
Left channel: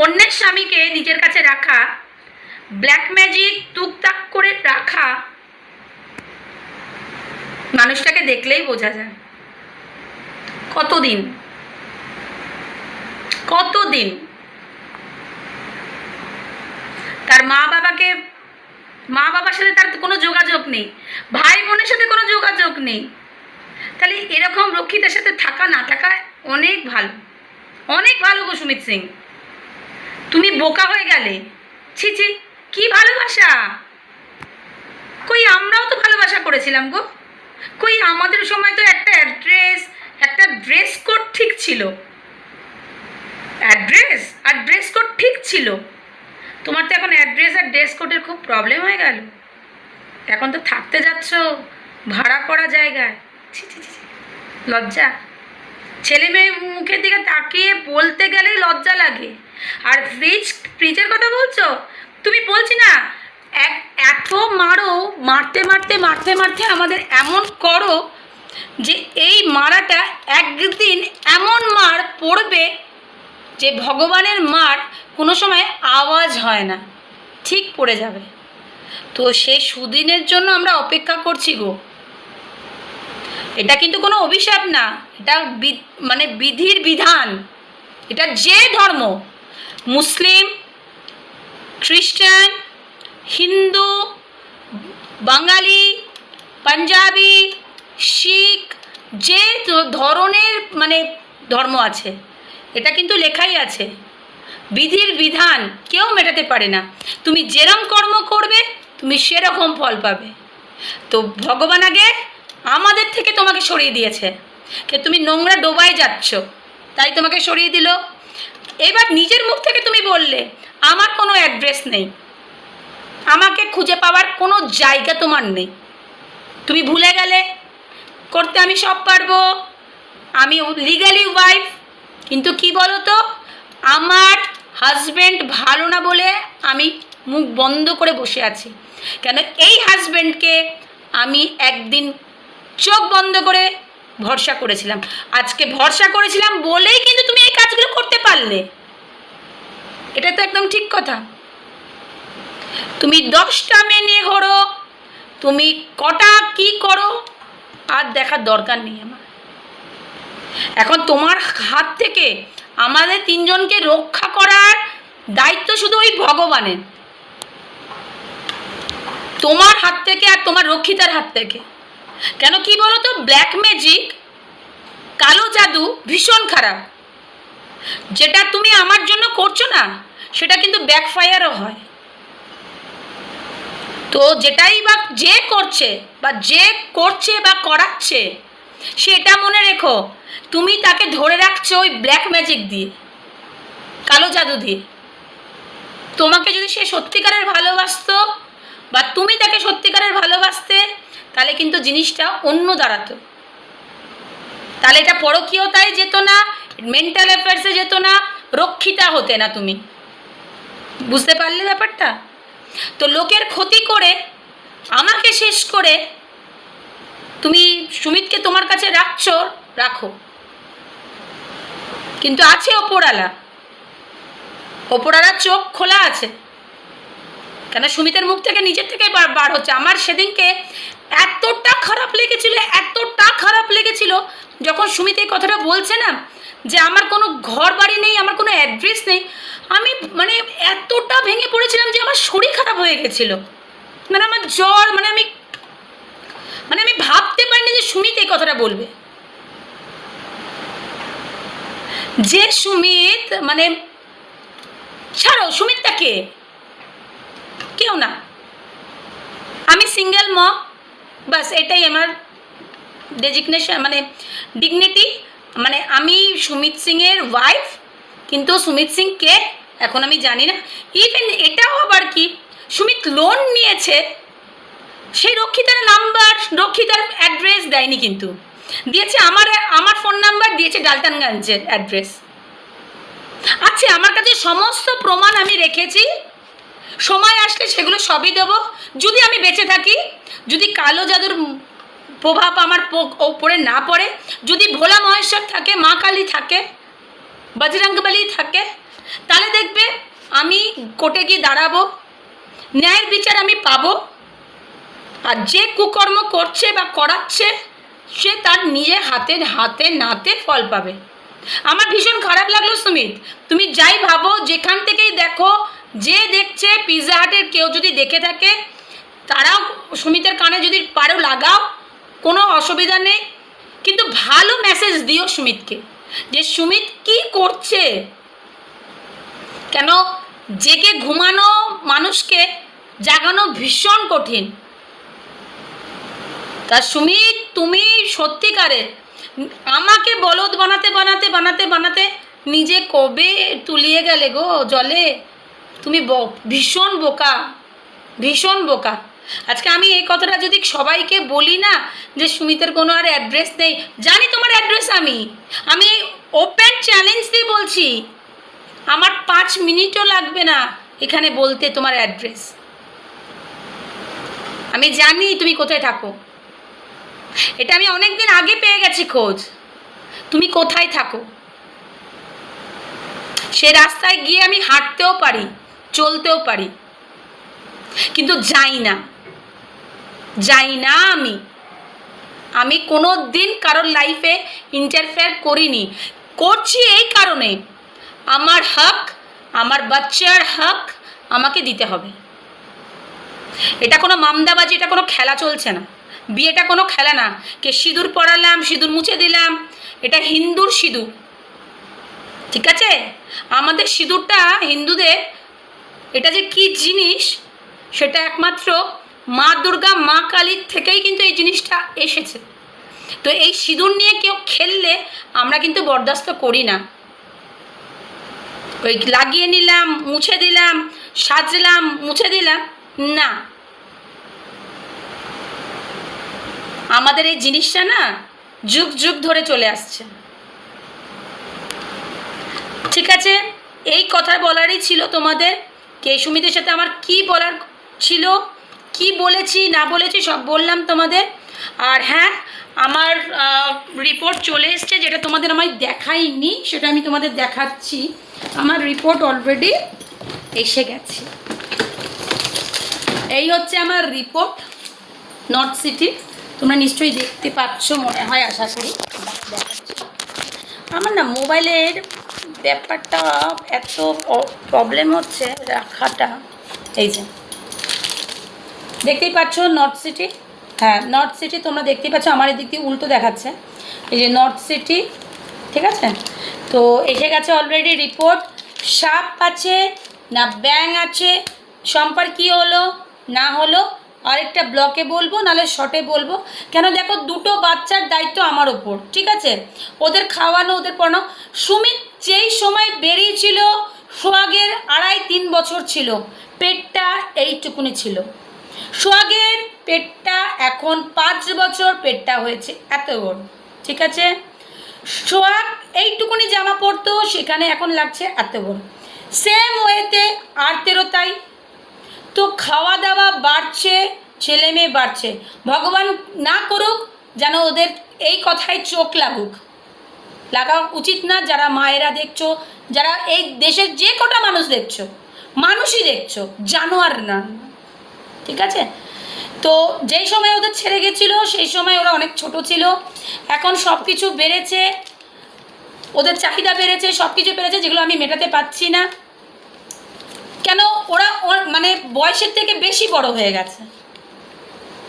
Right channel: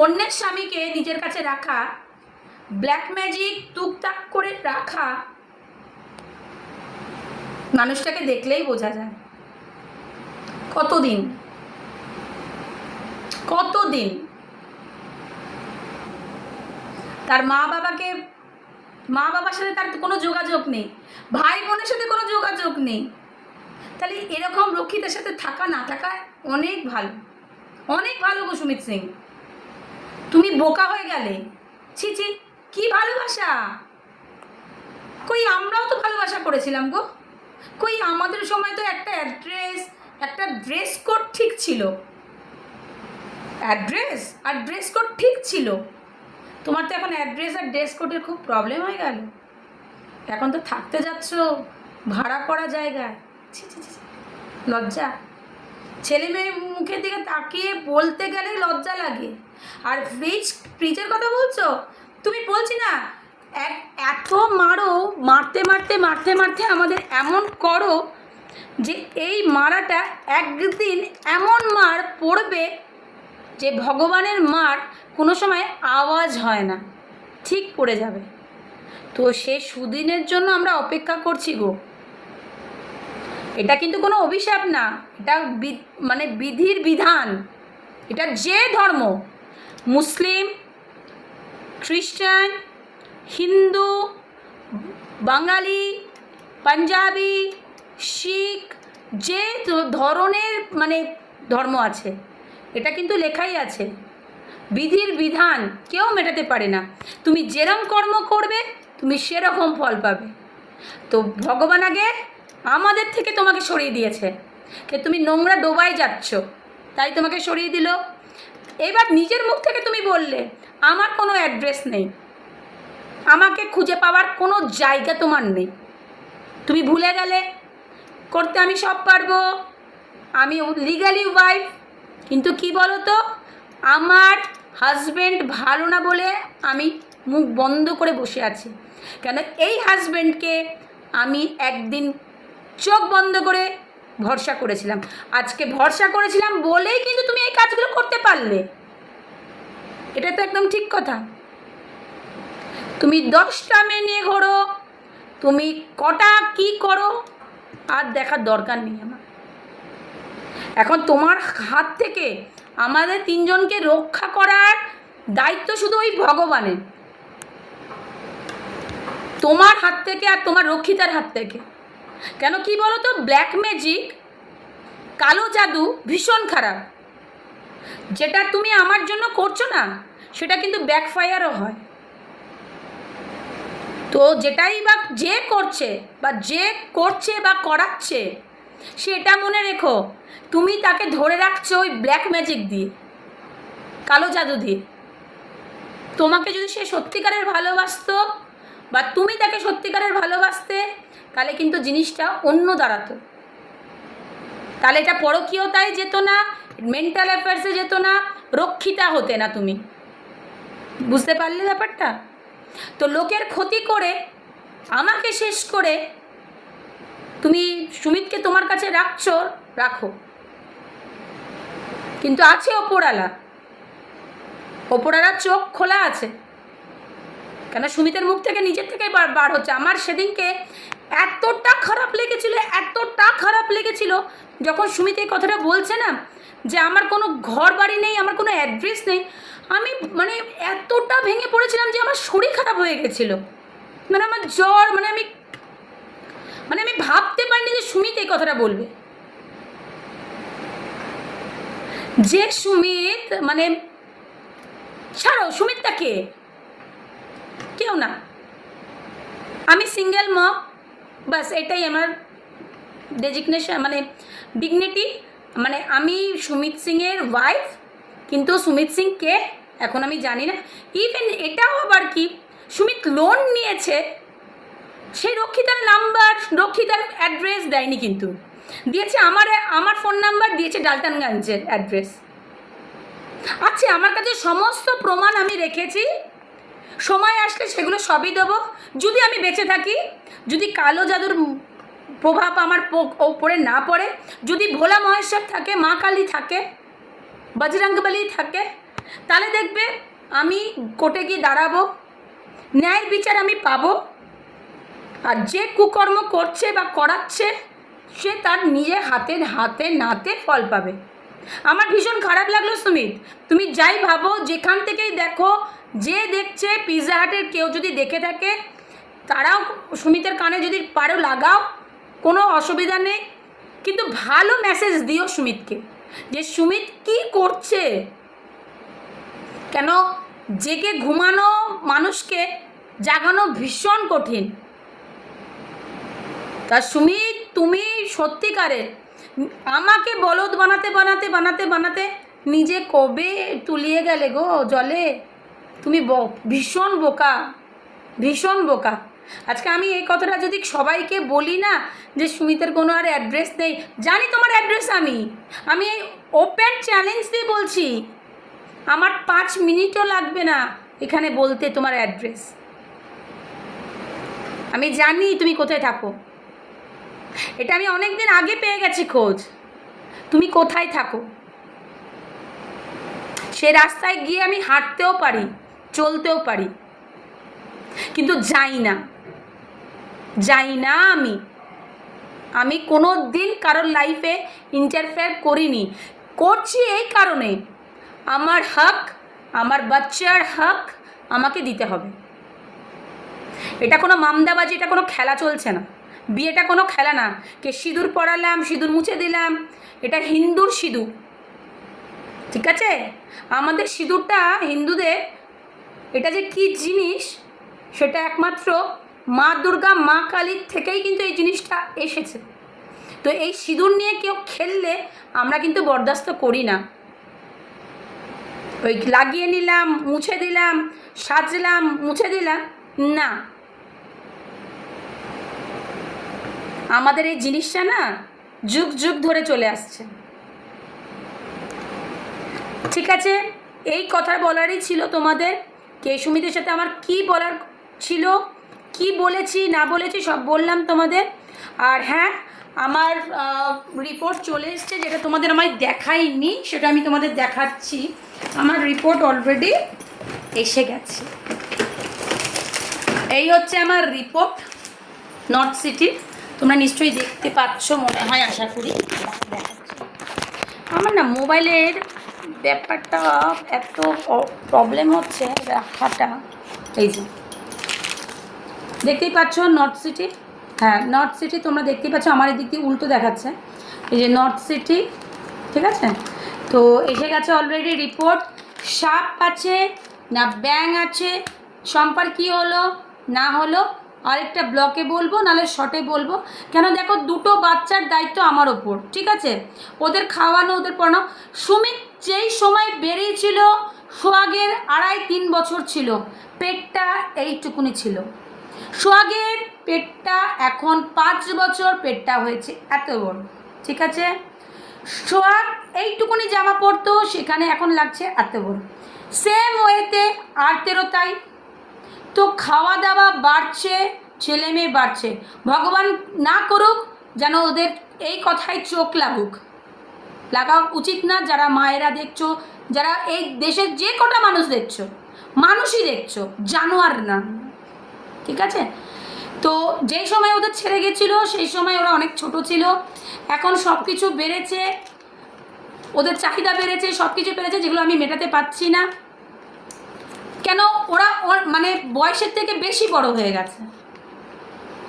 অন্যের স্বামীকে নিজের কাছে রাখা, ব্ল্যাক ম্যাজিক টুকটাক করে রাখা, মানুষটাকে দেখলেই বোঝা যায়। কতদিন কতদিন তার মা বাবার সাথে তার কোনো যোগাযোগ নেই, ভাই বোনের সাথে কোনো যোগাযোগ নেই। তাহলে এরকম রক্ষিতের সাথে থাকা না থাকা অনেক ভালো, অনেক ভালো গো সুমিত সিং। তুমি বোকা হয়ে গেলে। ছি ছি, কি ভালোবাসা! কই আমরাও তো ভালোবাসা করেছিলাম গো। কই আমাদের সময় তো একটা অ্যাড্রেস, একটা ড্রেস কোড ঠিক ছিল। অ্যাড্রেস আর ড্রেস কোড ঠিক ছিল। তোমার তো এখন অ্যাড্রেস আর ড্রেস কোডের খুব প্রবলেম হয়ে গেল। এখন তো থাকতে যাচ্ছ ভাড়া করা জায়গায়। ছি ছি ছি, লজ্জা! ছেলে মেয়ে মুখের দিকে তাকিয়ে বলতে গেলে লজ্জা লাগে। আর ফ্রিজের কথা বলছো তুমি, বলছি না এত মারো, মারতে মারতে মারতে মারতে আমাদের এমন করো যে এই মারাটা একদিন এমন মার পড়বে যে ভগবানের মার কোনো সময় আওয়াজ হয় না, ঠিক পড়ে যাবে। তো সেই সুদিনের জন্য আমরা অপেক্ষা করছি গো। এটা কিন্তু কোনো অভিশাপ না, এটা মানে বিধির বিধান। এটা যে ধর্ম, মুসলিম, খ্রিস্টান, হিন্দু, বাঙালি, পাঞ্জাবি, শিখ, যে ধরনের মানে ধর্ম আছে, এটা কিন্তু লেখাই আছে। বিধির বিধান কেউ মেটাতে পারে না। তুমি যেরকম কর্ম করবে তুমি সেরকম ফল পাবে। তো ভগবান আগে আমাদের থেকে তোমাকে সরিয়ে দিয়েছে, যে তুমি নোংরা ডোবায় যাচ্ছ তাই তোমাকে সরিয়ে দিল। এবার নিজের মুখ থেকে তুমি বললে আমার কোনো অ্যাড্রেস নেই, আমাকে খুঁজে পাওয়ার কোনো জায়গা তোমার নেই। তুমি ভুলে গেলে করতে আমি সব পারবো, আমি লিগালি ওয়াইফ। কিন্তু কি বলো তো, আমার হাজব্যান্ড ভালো না বলে আমি মুখ বন্ধ করে বসে আছি। কেন, এই হাজব্যান্ডকে আমি একদিন চোখ বন্ধ করে ভরসা করেছিলাম। আজকে ভরসা করেছিলাম বলেই কিন্তু তুমি এই কাজগুলো করতে পারলে। এটা তো একদম ঠিক কথা। তুমি 10টা মেয়ে নিয়ে ঘোরো, তুমি কটা কি করো আর দেখার দরকার নেই আমার। এখন তোমার হাত থেকে আমাদের 3জনকে রক্ষা করার দায়িত্ব শুধু ওই ভগবানের, তোমার হাত থেকে আর তোমার রক্ষিতার হাত থেকে। কেন, কি বলো তো, ব্ল্যাক ম্যাজিক, কালো জাদু ভীষণ খারাপ। যেটা তুমি আমার জন্য করছো না সেটা কিন্তু ব্যাকফায়ারও হয়। তো যেটাই বা যে করছে বা করাচ্ছে, সেটা মনে রেখো তুমি তাকে ধরে রাখছো ওই ব্ল্যাক ম্যাজিক দিয়ে, কালো জাদু দিয়ে। তোমাকে যদি সে সত্যিকারের ভালোবাসতো বা তুমি তাকে সত্যিকারের ভালোবাসতে, তাহলে কিন্তু জিনিসটা অন্য দাঁড়াতো। তাহলে এটা পরকীয়তায় যেত না, মেন্টাল অ্যাফেয়ার্সে যেত না, রক্ষিতা হতে না তুমি। বুঝতে পারলে ব্যাপারটা? তো লোকের ক্ষতি করে আমাকে শেষ করে তুমি সুমিতকে তোমার কাছে রাখছো, রাখো, কিন্তু আছে ওপরওয়ালা, ওপরওয়ালার চোখ খোলা আছে। কেন সুমিতের মুখ থেকে নিজের থেকে বার হচ্ছে। আমার সেদিনকে এতটা খারাপ লেগেছিল, এতটা খারাপ লেগেছিল যখন সুমিত এই কথাটা বলছে না যে আমার কোনো ঘর বাড়ি নেই, আমার কোনো অ্যাড্রেস নেই, আমি মানে এতটা ভেঙে পড়েছিলাম যে আমার শরীর খারাপ হয়ে গেছিল। মানে আমার জ্বর, মানে আমি ভাবতে পারিনি যে সুমিত এই কথাটা বলবে। যে সুমিত, মানে ছাড়ো, সুমিতটা কে? কেউ না, আমি সিঙ্গেল মম, বাস এটাই আমার ডেজিগনেশন, মানে ডিগনিটি। মানে আমি সুমিত সিংয়ের ওয়াইফ, কিন্তু সুমিত সিং কে এখন আমি জানি না। ইভেন এটাও আবার কি, সুমিত লোন নিয়েছে, সেই রক্ষিতার নাম্বার, রক্ষিতার অ্যাড্রেস দেয়নি, কিন্তু দিয়েছে আমার ফোন নাম্বার, দিয়েছে ডালটানগঞ্জের অ্যাড্রেস। আচ্ছা, আমার কাছে সমস্ত প্রমাণ আমি রেখেছি, সময় আসলে সেগুলো সবই দেবো। যদি আমি বেঁচে থাকি, যদি কালো জাদুর প্রভাব আমার ওপরে না পড়ে, যদি ভোলা মহেশ্বর থাকে, মা কালী থাকে, বজরংবলী থাকে, তাহলে দেখবে আমি কোর্টে গিয়ে দাঁড়াবো, ন্যায়ের বিচার আমি পাবো। আর যে কুকর্ম করছে বা করাচ্ছে, সে তার নিজে হাতে নাতে ফল পাবে। আমার ভীষণ খারাপ লাগলো সুমিত, তুমি যাই ভাবো, যেখান থেকেই দেখো, যে দেখছে পিৎজা হাটের কেউ যদি দেখে থাকে, তারাও সুমিতের কানে যদি পারো লাগাও, কোনো অসুবিধা নেই, কিন্তু ভালো মেসেজ দিও সুমিতকে যে সুমিত কি করছে। কেন জেগে ঘুমানো মানুষকে জাগানো ভীষণ কঠিন। তা সুমিত, তুমি সত্যিকারের আমাকে বলদ বানাতে নিজে কবে তুলিয়ে গেলে গো জলে। তুমি ভীষণ বোকা, ভীষণ বোকা। আজকে আমি এই কথাটা যদি সবাইকে বলি না যে সুমিতের কোনো আর অ্যাড্রেস নেই, জানি তোমার অ্যাড্রেস, আমি ওপেন চ্যালেঞ্জ দিয়ে বলছি, আমার 5 মিনিটও লাগবে না এখানে বলতে তোমার অ্যাড্রেস। আমি জানি তুমি কোথায় থাকো, এটা আমি অনেক দিন আগে পেয়ে গেছি খোঁজ, তুমি কোথায় থাকো। সে রাস্তায় গিয়ে আমি হাঁটতেও পারি, চলতেও পারি, কিন্তু যাই না আমি কোনো দিন কারোর লাইফে ইন্টারফেয়ার করিনি। করছি এই কারণে, আমার হক, আমার বাচ্চার হক আমাকে দিতে হবে। এটা কোনো মামদাবাজি, এটা কোনো খেলা চলছে না, বিয়েটা কোনো খেলা না। কে সিঁদুর পরালাম, সিঁদুর মুছে দিলাম, এটা হিন্দুর সিঁদুর, ঠিক আছে? আমাদের সিঁদুরটা হিন্দুদের, এটা যে কি জিনিস সেটা একমাত্র মা দুর্গা, মা কালীর থেকেই কিন্তু এই জিনিসটা এসেছে। তো এই সিঁদুর নিয়ে কেউ খেললে আমরা কিন্তু বরদাস্ত করি না। ওই লাগিয়ে নিলাম, মুছে দিলাম, সাজলাম, মুছে দিলাম, না। আমাদের এই জিনিসটা না যুগ যুগ ধরে চলে আসছে, ঠিক আছে? এই কথা বলারই ছিল তোমাদের, কে সুমিতের সাথে আমার কি বলার ছিল, কি বলেছি না বলেছি সব বললাম তোমাদের। আর হ্যাঁ, আমার রিপোর্ট চলে এসছে, যেটা তোমাদের আমায় দেখাইনি, সেটা আমি তোমাদের দেখাচ্ছি। আমার রিপোর্ট অলরেডি এসে গেছে। এই হচ্ছে আমার রিপোর্ট নর্থ সিটি, তোমরা নিশ্চয়ই দেখতে পাচ্ছ মনে হয়, আশা করি। আমার না মোবাইলের ব্যাপারটা এত প্রবলেম হচ্ছে রাখাটা। এই যে দেখতেই পাচ্ছ নর্থ সিটি, হ্যাঁ নর্থ সিটি তোমরা দেখতেই পাচ্ছ, আমার এদিক দিয়ে উল্টো দেখাচ্ছে, এই যে নর্থ সিটি, ঠিক আছে? তো এসে গেছে অলরেডি রিপোর্ট। সাপ আছে না ব্যাং আছে, সম্পর্ক কী হলো না হলো আরেকটা ব্লকে বলবো, নাহলে শর্টে বলবো। কেন দেখো, দুটো বাচ্চার দায়িত্ব আমার ওপর, ঠিক আছে? ওদের খাওয়ানো, ওদের পড়ানো। সুমিত যেই সময় বেরিয়েছিল, সোহাগের 2.5-3 বছর ছিল, পেটটা এইটুকুনি ছিল। সোহাগের পেটটা এখন 5 বছর, পেটটা হয়েছে এত বড়, ঠিক আছে? সোহাগ এইটুকুনি জামা পরতো, সেখানে এখন লাগছে এত বড়। সেম ওয়েতে আরতেরও তাই। তো খাওয়া দাওয়া বাড়ছে, ছেলে মেয়ে বাড়ছে, ভগবান না করুক যেন ওদের এই কথায় চোখ লাগুক, লাগা উচিত না। যারা মায়েরা দেখছো, যারা এই দেশের যে কটা মানুষ দেখছো, মানুষই দেখছো, জানোয়ার না, ঠিক আছে? তো যেই সময় ওদের ছেড়ে গেছিলো সেই সময় ওরা অনেক ছোট ছিল। এখন সব কিছু বেড়েছে, ওদের চাহিদা বেড়েছে, সব কিছু বেড়েছে, যেগুলো আমি মেটাতে পারছি না। কেন? ওরা মানে বয়সের থেকে বেশি বড় হয়ে গেছে,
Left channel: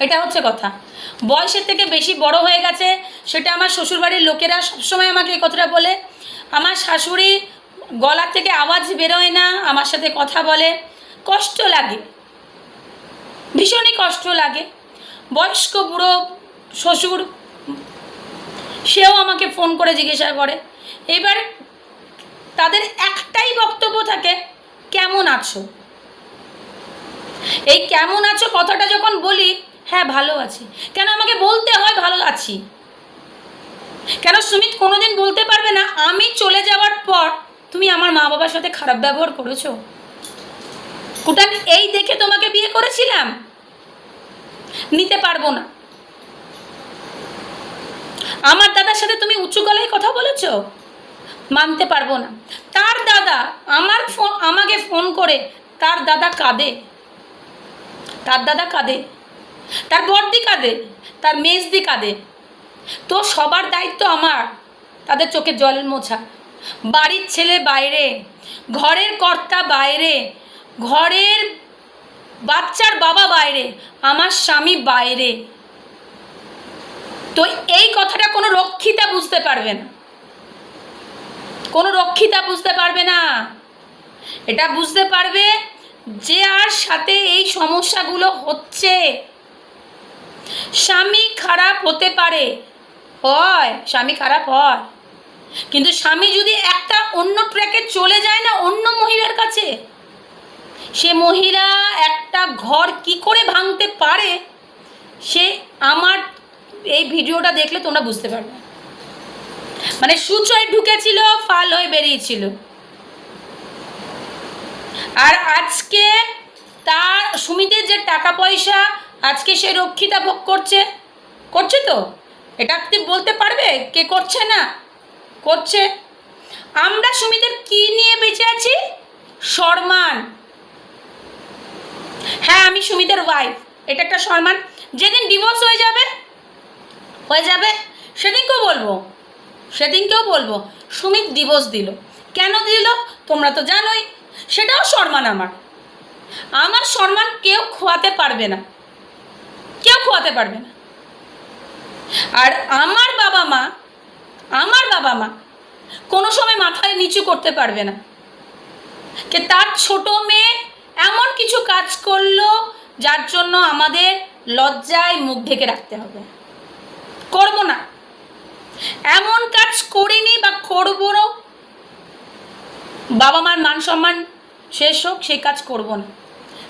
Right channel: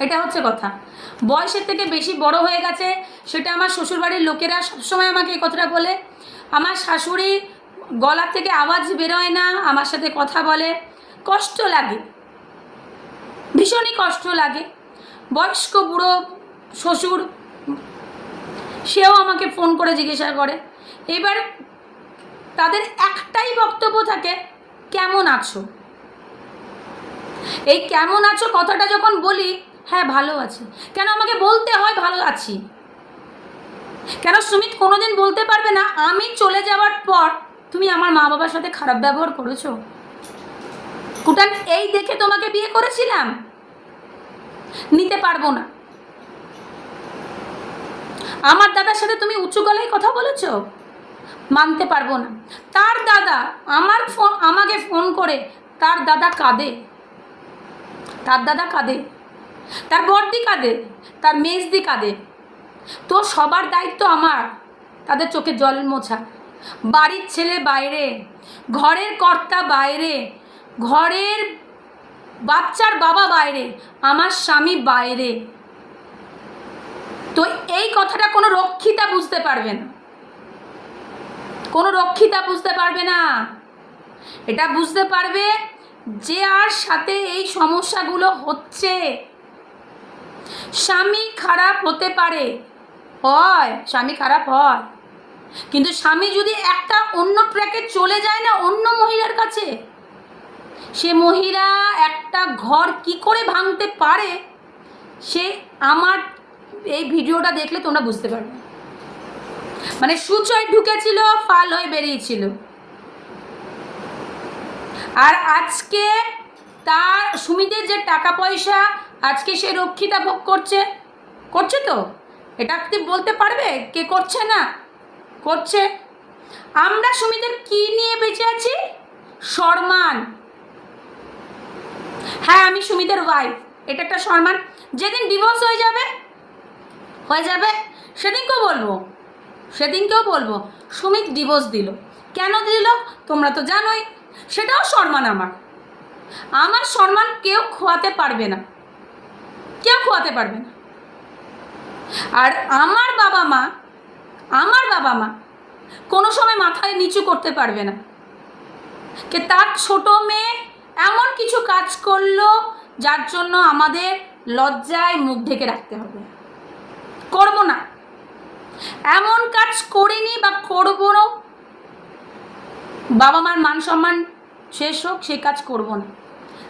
এটা হচ্ছে কথা। বয়সের থেকে বেশি বড় হয়ে গেছে, সেটা আমার শ্বশুরবাড়ির লোকেরা সবসময় আমাকে এই কথাটা বলে। আমার শাশুড়ি গলার থেকে আওয়াজ বেরোয় না, আমার সাথে কথা বলে, কষ্ট লাগে, ভীষণই কষ্ট লাগে। বয়স্ক বুড়ো শ্বশুর, সেও আমাকে ফোন করে জিজ্ঞাসা করে। এবার তাদের একটাই বক্তব্য থাকে, কেমন আছো? এই কেমন আছো কথাটা যখন বলি, হ্যাঁ ভালো আছি। কেন আমাকে বলতে হয় ভালো আছি? কেন সুমিত কোনোদিন বলতে পারবে না আমি চলে যাওয়ার পর তুমি আমার মা বাবার সাথে খারাপ ব্যবহার করেছো? কুটান এই দেখে তোমাকে বিয়ে করেছিলাম? নিতে পারবো না। আমার দাদার সাথে তুমি উঁচু গলায় কথা বলেছো? মানতে পারবো না। তার দাদা আমাকে ফোন করে, তার দাদা কাঁদে, তার দাদা কাঁদে, তার বড়দি কাঁদে, তার মেজদি কাঁদে। তো সবার দায়িত্ব আমার তাদের চোখে জল মোছা। বাড়ির ছেলে বাইরে, ঘরের কর্তা বাইরে, ঘরের বাচ্চার বাবা বাইরে, আমার স্বামী বাইরে। তো এই কথাটা কোনো রক্ষিতা বুঝতে পারবে না, কোনো রক্ষিতা বুঝতে পারবে না। এটা বুঝতে পারবে যে আর সাথে এই সমস্যাগুলো হচ্ছে। স্বামী খারাপ হতে পারে, হয়, স্বামী খারাপ হয়, কিন্তু স্বামী যদি একটা অন্য ট্র্যাকে চলে যায় না, অন্য মহিলার কাছে, সে মহিলা একটা ঘর কি করে ভাঙতে পারে, সে আমার এই ভিডিওটা দেখলে তোমরা বুঝতে পারবে। মানে সূচয় ঢুকেছিল, ফাল হয়ে বেরিয়েছিল। আর আজকে তার সুমিতের যে টাকা পয়সা, আজকে সে রক্ষিতা ভোগ করছে, করছে তো? এটা আপনি বলতে পারবে কে করছে না? করছে। আমরা সুমিতের কি নিয়ে বেঁচে আছি? সম্মান। হ্যাঁ আমি সুমিতের ওয়াইফ, এটা একটা সম্মান। যেদিন ডিভোর্স হয়ে যাবে সেদিনকেও বলবো সুমিত ডিভোর্স দিল। কেন দিল তোমরা তো জানোই, সেটাও সম্মান। আমার সম্মান কেউ খোয়াতে পারবে না, কেউ খোয়াতে পারবে না। আর আমার বাবা মা কোনো সময় মাথায় নিচু করতে পারবে না যে তার ছোট মেয়ে এমন কিছু কাজ করলো যার জন্য আমাদের লজ্জায় মুখ ঢেকে রাখতে হবে। করব না, এমন কাজ করিনি বা করবো না। বাবা মার মান সম্মান শেষ হোক, সেই কাজ করব না।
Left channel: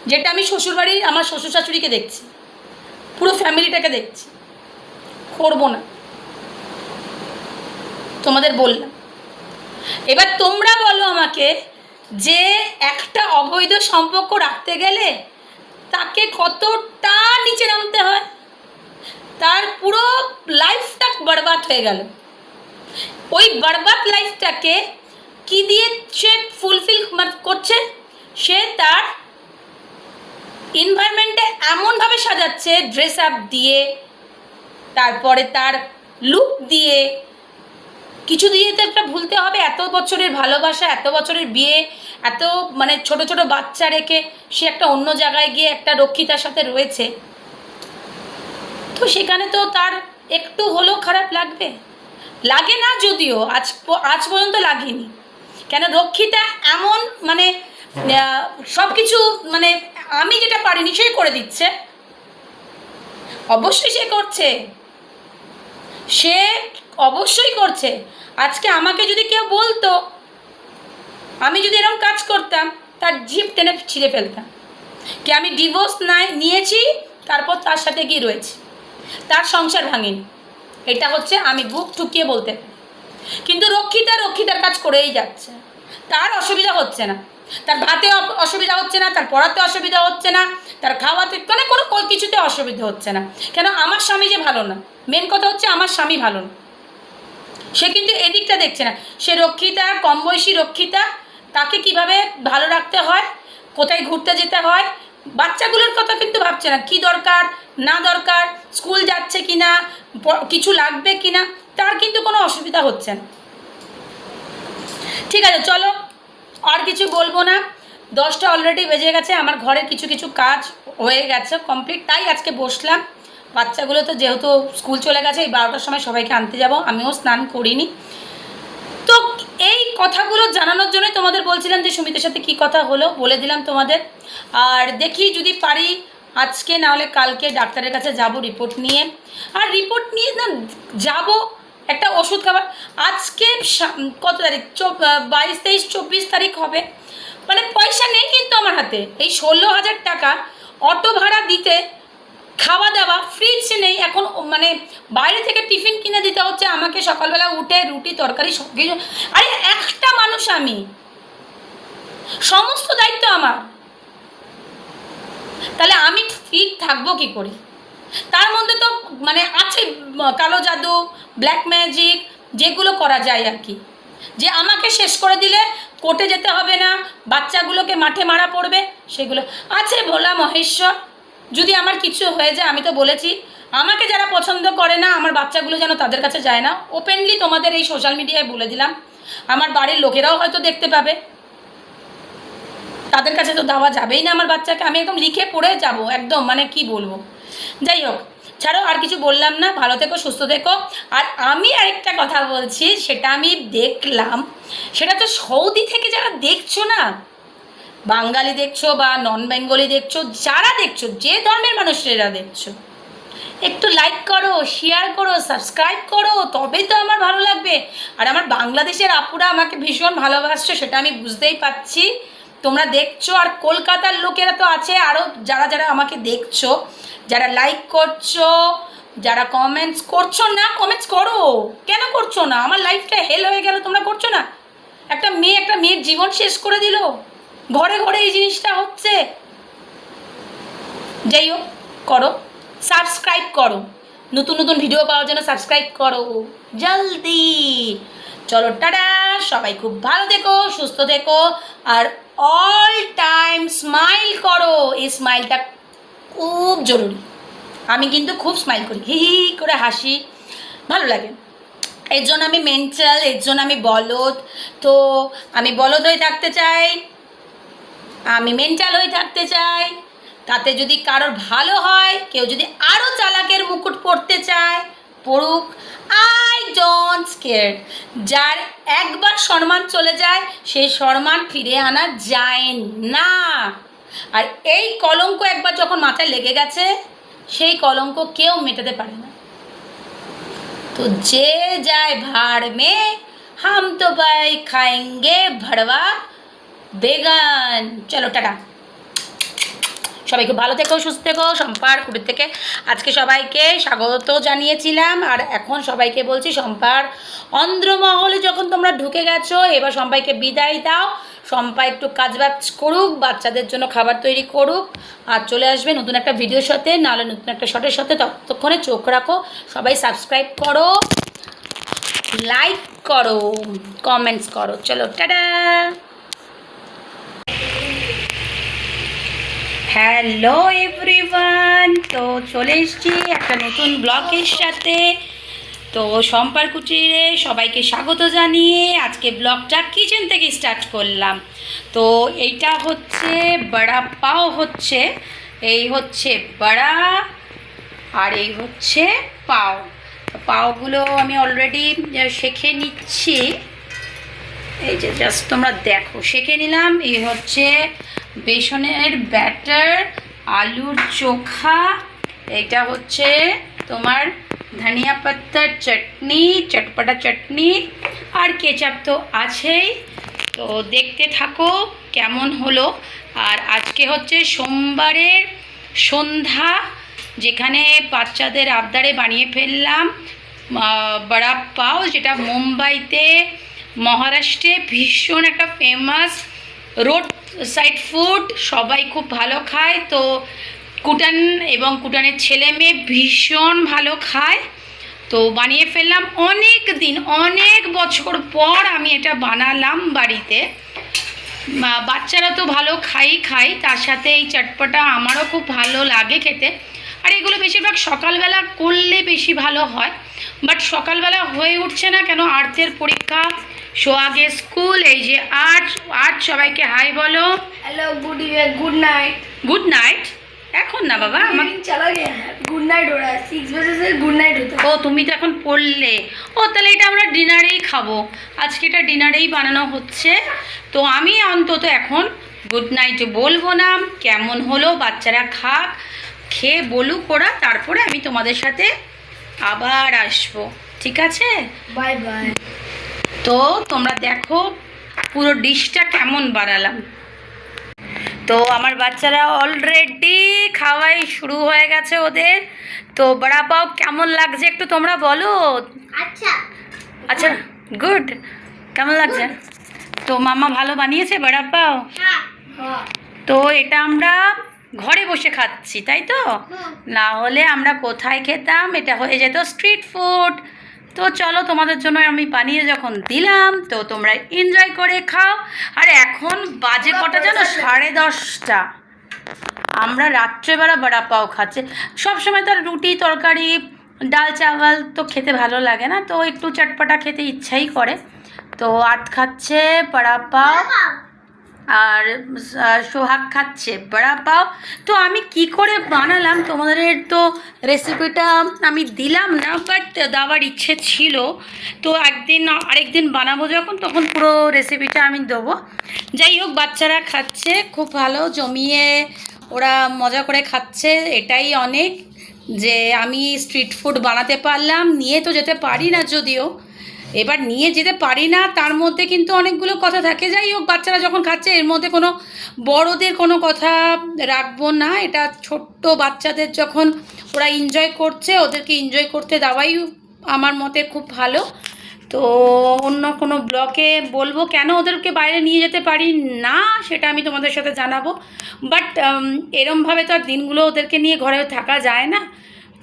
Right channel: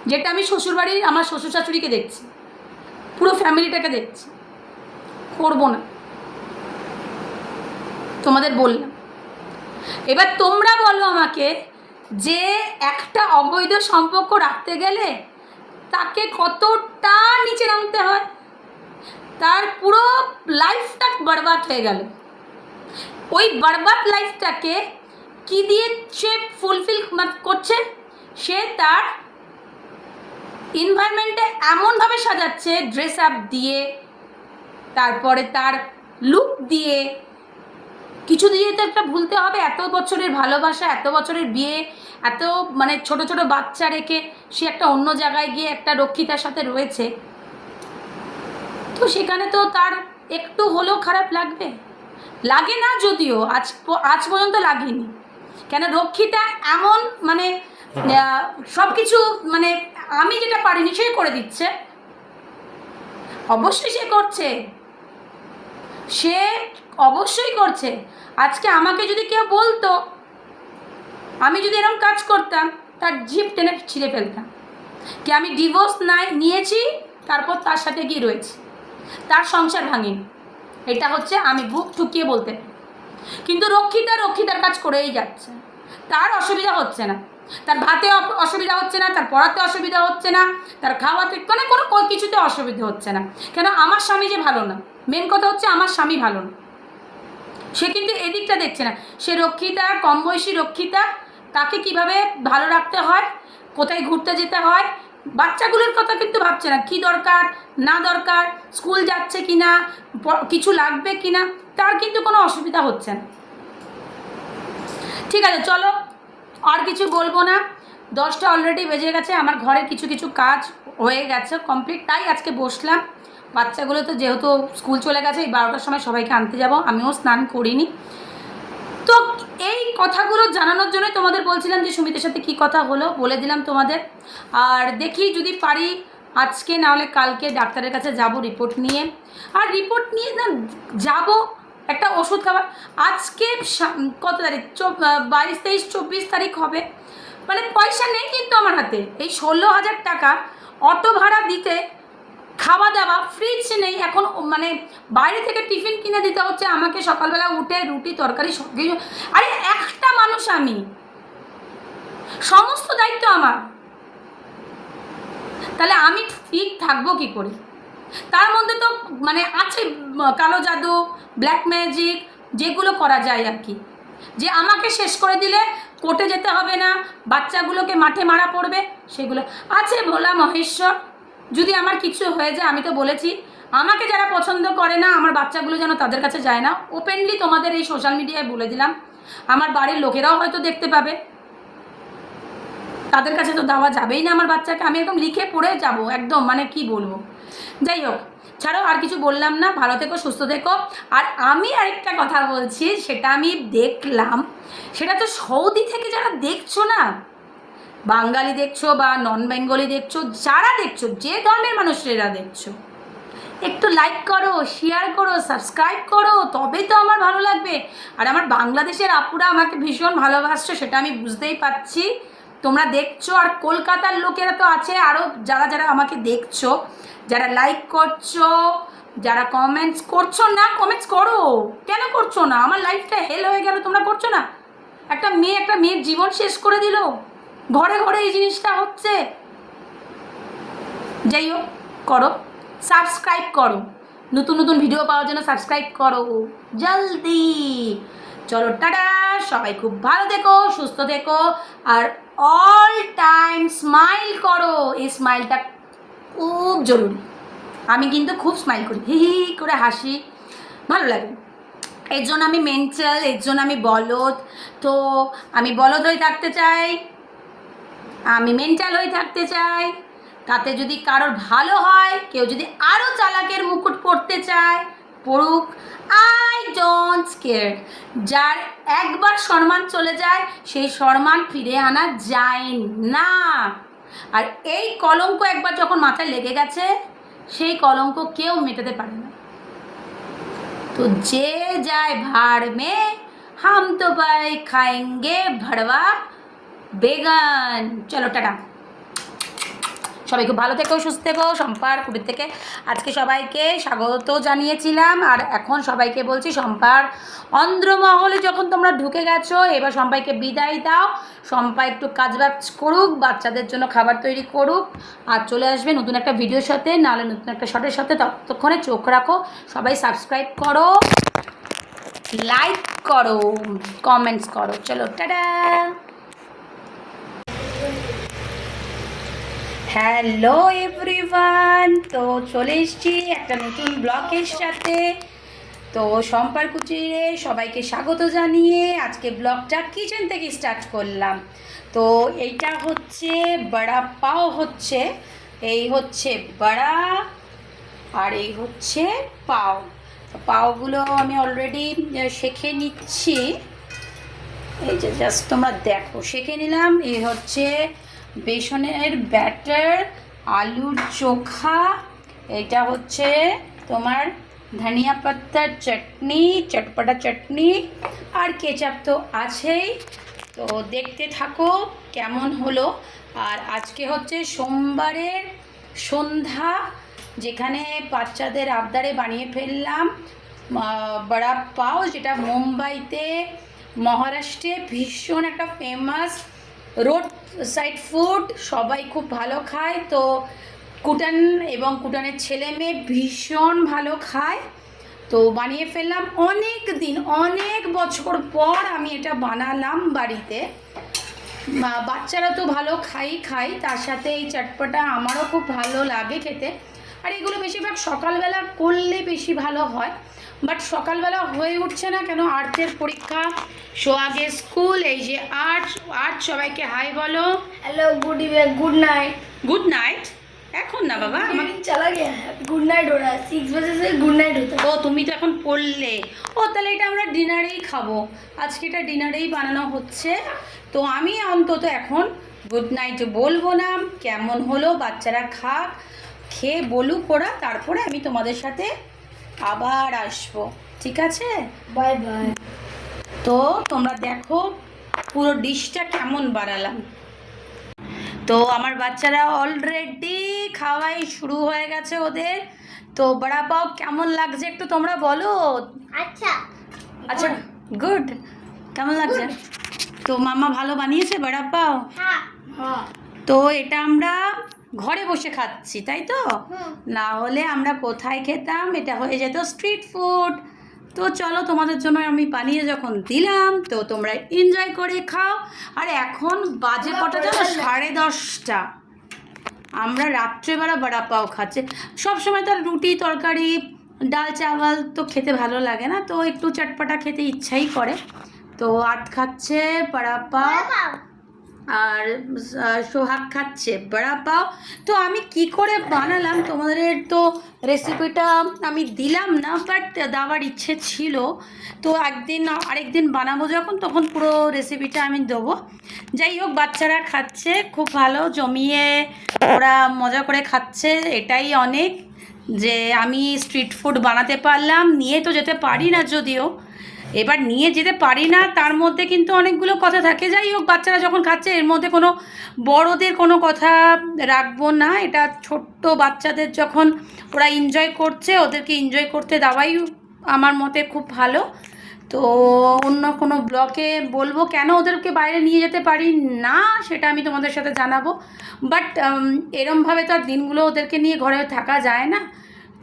যেটা আমি শ্বশুরবাড়ির আমার শ্বশুর শাশুড়িকে দেখছি, পুরো ফ্যামিলিটাকে দেখছি, করব না। তোমাদের বললাম। এবার তোমরা বলো আমাকে যে একটা অবৈধ সম্পর্ক রাখতে গেলে তাকে কতটা নিচে নামতে হয়, তার পুরো লাইফটা বরবাদ হয়ে গেল। ওই বরবাদ লাইফটাকে কি দিয়ে সে ফুলফিল করছে? সে তার এনভায়রনমেন্টে এমনভাবে সাজাচ্ছে, ড্রেস আপ দিয়ে, তারপরে তার লুক দিয়ে, কিছু দিয়ে তো একটা ভুলতে হবে। এত বছরের ভালোবাসা, এত বছরের বিয়ে, এত মানে ছোট ছোট বাচ্চা রেখে সে একটা অন্য জায়গায় গিয়ে একটা রক্ষিতার সাথে রয়েছে, তো সেখানে তো তার একটু হলেও খারাপ লাগবে। লাগে না যদিও, আজ পর্যন্ত লাগেনি। কেন? রক্ষিতা এমন মানে সব কিছু মানে আমি যেটা পারিনি সে করে দিচ্ছে। অবশ্যই সে করছে, সে অবশ্যই করছে। আজকে আমাকে যদি কেউ বলতো, আমি যদি এরকম কাজ করতাম, তার জিভ টেনে ছিঁড়ে ফেলতাম। কি আমি ডিভোর্স নিয়েছি, তারপর তার সাথে গিয়ে রয়েছি, তার সংসার ভাঙেনি। এটা হচ্ছে আমি বুক ঠুকিয়ে বলতে পারি। কিন্তু রক্ষিতার কাজ করেই যাচ্ছে, তার অসুবিধা হচ্ছে না, তার ভাতে অসুবিধা হচ্ছে না, তার পড়াতে অসুবিধা হচ্ছে না, তার খাওয়াতে কোনো কিছুতে অসুবিধা হচ্ছে না। কেন? আমার স্বামী যে ভালো না, মেন কথা হচ্ছে আমার স্বামী ভালো না, সে কিন্তু এদিকটা দেখছে না। সে রক্ষিতা, কম বয়সী রক্ষিতা, তাকে কিভাবে ভালো রাখতে হয়, কোথায় ঘুরতে যেতে হয়, বাচ্চাগুলোর কথা কিন্তু ভাবছে না, কি দরকার না দরকার, স্কুল যাচ্ছে কি না, কিছু লাগবে কি না, তার কিন্তু কোনো অসুবিধা হচ্ছে না। ঠিক আছে, চলো আর কিছু বলবো না, 10টা অলরেডি বেজে গেছে, আমার ঘরের কিছু কাজ হয়ে গেছে কমপ্লিট, তাই আজকে বসলাম। বাচ্চাগুলো তো যেহেতু স্কুল চলে গেছে, এই 12টার সময় সবাইকে আনতে যাব, আমিও স্নান করিনি। তো এই কথাগুলো জানানোর জন্য তোমাদের বলছিলাম যে সুমিতের সাথে কি কথা হলো বলে দিলাম তোমাদের। আর দেখি যদি পারি আজকে না হলে কালকে ডাক্তারের কাছে যাব রিপোর্ট নিয়ে, আর রিপোর্ট নিয়ে না যাব একটা ওষুধ খাবার। আজকে কত তারিখ? 22, 23, 24 তারিখ হবে, মানে পয়সা নেই কিন্তু আমার হাতে। এই 16,000 টাকা অটো ভাড়া দিতে, খাওয়া দাওয়া, ফ্রিজ নেই এখন, মানে বাইরে থেকে টিফিন কিনে দিতে হচ্ছে আমাকে, সকালবেলা উঠে রুটি তরকারি সব কিছু। আরে একটা মানুষ আমি, সমস্ত দায়িত্ব আমার, তাহলে আমি ঠিক থাকবো কি করে? তার মধ্যে তো মানে আছে কালো জাদু, ব্ল্যাক ম্যাজিক, যেগুলো করা যায় আর কি, যে আমাকে শেষ করে দিলে কোর্টে যেতে হবে না, বাচ্চাগুলোকে মাঠে মারা পড়বে, সেগুলো আছে। ভোলা মহেশ্বর, যদি আমার কিছু হয়ে যায়, আমি তো বলেছি আমাকে যারা পছন্দ করে না, আমার বাচ্চাগুলো যেন তাদের কাছে যায় না, ওপেনলি তোমাদের এই সোশ্যাল মিডিয়ায় বলে দিলাম। আমার বাড়ির লোকেরাও হয়তো দেখতে পাবে, তাদের কাছে তো দেওয়া যাবেই না আমার বাচ্চাকে, আমি একদম লিখে পড়ে যাব একদম, মানে কি বলবো। যাই হোক, ছাড়ো, আর কিছু বললাম না, ভালো থেকো, সুস্থ থেকো। আর আমি আরেকটা কথা বলছি, সেটা আমি দেখলাম, সেটা তো সৌদি থেকে যারা দেখছো না, বাঙালি দেখছো বা নন বেঙ্গলি দেখছো, যারা দেখছো, যে ধর্মের মানুষেরা দেখছো, একটু লাইক করো, শেয়ার করো, সাবস্ক্রাইব করো, তবেই তো আমার ভালো লাগবে। আর আমার বাংলাদেশের আপুরা আমাকে ভীষণ ভালোবাসছো, সেটা আমি বুঝতেই পারছি, তোমরা দেখছো। আর কলকাতার লোকেরা তো আছে আরও, যারা আমাকে দেখছো, যারা লাইক করছো, যারা কমেন্টস করছো না, কমেন্টস করো, কেন করছো না? আমার লাইফটা হেল হয়ে গেল, তোমরা করছো না? একটা মেয়ের জীবন শেষ করে দিল, ঘরে ঘরে এই জিনিসটা হচ্ছে। যাই হোক, করো, সাবস্ক্রাইব করো, নতুন ভিডিও পাওয়ার জন্য সাবস্ক্রাইব করো জলদি। চলো, টাটা, সবাই খুব ভালো থেকো, সুস্থ থেকো, আর অল টাইম স্মাইল করো। এই স্মাইলটা খুব জরুরি, আমি কিন্তু খুব স্মাইল করি, হি হি করে হাসি, ভালো লাগে। এর জন্য আমি মেন্টাল, এর জন্য আমি বলদ, তো আমি বলদ হয়ে থাকতে চাই, আমি মেন্টাল হয়ে থাকতে চাই। তাতে যদি কারোর ভালো হয়, কেউ যদি আরও চালাকের মুকুট পরতে চায়, পড়ুক, আই ডোন্ট কেয়ার। যার একবার সম্মান চলে যায়, সেই সম্মান ফিরে আনা যায় না। আর এই কলঙ্ক একবার যখন মাথায় লেগে গেছে, সেই কলঙ্ক কেউ মেটাতে পারে না। তো যে যায় ভাড় মে, হাম তো ভাই খাएंगे ভড়বা বেগান। চলো, টাটা, সবাই খুব ভালো থেকো, সুস্থ থেকো। শম্পার কুটির থেকে আজকে সবাইকে স্বাগত জানিয়েছিলাম, আর এখন সবাইকে বলছি, শম্পার অন্ধ্রমহলে যখন তোমরা ঢুকে গেছো, এবার সবাইকে বিদায় দাও। শম্পা একটু কাজবাজ করুক, বাচ্চাদের জন্য খাবার তৈরি করুক, আর চলে আসবে নতুন একটা ভিডিওর সাথে, নাহলে নতুন একটা শটের সাথে। ততক্ষণে চোখ রাখো, সবাই সাবস্ক্রাইব করো, লাইক করো, কমেন্টস করো। চলো, টাটা। হ্যালো এভরিওয়ান, তো চলে এসেছি একটা নতুন ব্লগের সাথে। তো শম্পার কুটিরে সবাইকে স্বাগত জানিয়ে আজকে ব্লগটা কিচেন থেকে স্টার্ট করলাম। তো এইটা হচ্ছে বড়া পাও, হচ্ছে এই হচ্ছে বড়া, আর এই হচ্ছে পাও। পাওগুলো আমি অলরেডি শেখে নিচ্ছি, এই যে জাস্ট তোমরা দেখো, শেখে নিলাম। এই হচ্ছে বেসনের ব্যাটার, আলুর চোখা, এইটা হচ্ছে তোমার ধনিয়া পাতার চাটনি, চটপটা চাটনি, আর কেচাপ তো আছেই। তো দেখতে থাকো কেমন হলো। আর আজকে হচ্ছে সোমবারের সন্ধ্যা, যেখানে বাচ্চাদের আবদারে বানিয়ে ফেললাম বড়া পাও, যেটা মুম্বাইতে মহারাষ্ট্রে ভীষণ একটা ফেমাস রোড সাইড ফুড, সবাই খুব ভালো খায়। তো কুটান এবং কুটানের ছেলে মেয়ে ভীষণ ভালো খায়। তো বানিয়ে ফেললাম অনেক বছর পর আমি এটা বানালাম বাড়িতে। বাচ্চারা তো ভালো খাই, তার সাথে এই চটপটা আমারও খুব ভালো লাগে খেতে। আর এগুলো বেশিরভাগ সকালবেলা করলে বেশি ভালো হয়, বাট সকালবেলা হয়ে উঠছে না কেন, আর্টের পরীক্ষা, সোহাগের স্কুল। এই যে আর্ট সবাইকে হাই বলো। Hello good evening good night. Good night. এখন না বাবা, আমার चला गया है, गुड नाइट हो रहा है, 6 बजे से गुड नाइट होता है। ও তুমি তো এখন পড়লে, ও তাহলে এটা আমরা ডিনারেই খাবো। আজকে এটা ডিনারেই বানানো হচ্ছে। তো আমি অন্তত এখন গুড নাইট বলবো না, কেমন হলো বাচ্চারা খাক, খেয়ে বলুক ওরা, তারপরে আমি তোমাদের সাথে আবার আসবো, ঠিক আছে? Bye bye. তো তোমরা দেখো পুরো ডিশটা কেমন বানালাম। তো আমার বাচ্চারা অলরেডি খাওয়াই শুরু হয়ে গেছে ওদের। তো বড়া পাও কেমন লাগছে একটু তোমরা বলো। अच्छा আচ্ছা, গুড। কেমন লাগছে? তো মাম্মা ভালো বানিয়েছে বড়া পাও। हाँ हाँ তো এটা আমরা ঘরে বসে খাচ্ছি, তাই তো? না হলে আমরা কোথায় খেতাম, এটা হয়ে যেত স্ট্রিট ফুড। তো চলো, তোমাদের জন্য আমি বানিয়ে যখন দিলাম তো তোমরা এনজয় করে খাও। আর এখন বাজে কটা জানো? 10:30। আমরা রাত্রেবেলা বড়া পাও খাচ্ছি। সবসময় তো আর রুটি তরকারি ডাল চাওয়াল তো খেতে ভালো লাগে না, তো একটু চটপটা খেতে ইচ্ছাই করে। তো আট খাচ্ছে বড়া পাও, আর সোহাগ খাচ্ছে বড়া পাও। তো আমি কি করে বানালাম তোমাদের তো রেসিপিটা আমি দিলাম না, বাট দেওয়ার ইচ্ছে ছিল। তো আরেকদিন বানাবো যখন, তখন পুরো রেসিপিটা আমি দেবো। যাই হোক, বাচ্চারা খাচ্ছে খুব ভালো জমিয়ে, ওরা মজা করে খাচ্ছে, এটাই অনেক। যে আমি স্ট্রিট ফুড বানাতে পারলাম, নিয়ে তো যেতে পারি না যদিও, এবার নিয়ে যেতে পারি না, তার মধ্যে কিন্তু অনেকগুলো কথা থাকে। যাই হোক, বাচ্চারা যখন খাচ্ছে এর মধ্যে কোনো বড়দের কোনো কথা রাখবো না। এটা ছোট্ট বাচ্চাদের যখন ওরা এনজয় করছে, ওদেরকে এনজয় করতে দেওয়াই আমার মতে খুব ভালো। তো অন্য কোনো ব্লগে বলবো কেন ওদেরকে বাইরে নিয়ে যেতে পারি না, সেটা আমি তোমাদের সাথে জানাবো। বাট এরমভাবে তো আর দিনগুলো ওদেরকে নিয়ে ঘরে থাকা যায় না।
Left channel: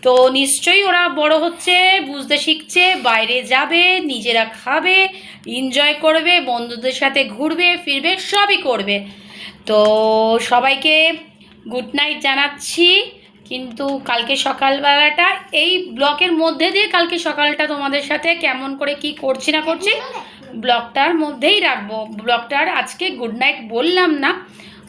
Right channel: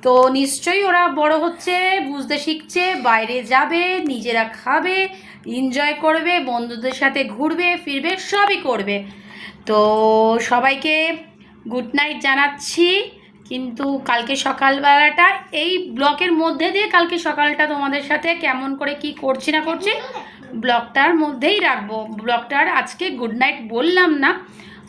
তো নিশ্চয়ই ওরা বড় হচ্ছে, বুঝতে শিখছে, বাইরে যাবে, নিজেরা খাবে, এনজয় করবে, বন্ধুদের সাথে ঘুরবে ফিরবে, সবই করবে। তো সবাইকে গুড নাইট জানাচ্ছি। কিন্তু কালকে সকালবেলাটা এই ব্লকের মধ্যে দিয়ে, কালকে সকালটা তোমাদের সাথে কেমন করে কি করছি না করছি ব্লগটার মধ্যেই রাখবো। ব্লগটার আজকে গুড নাইট বললাম না,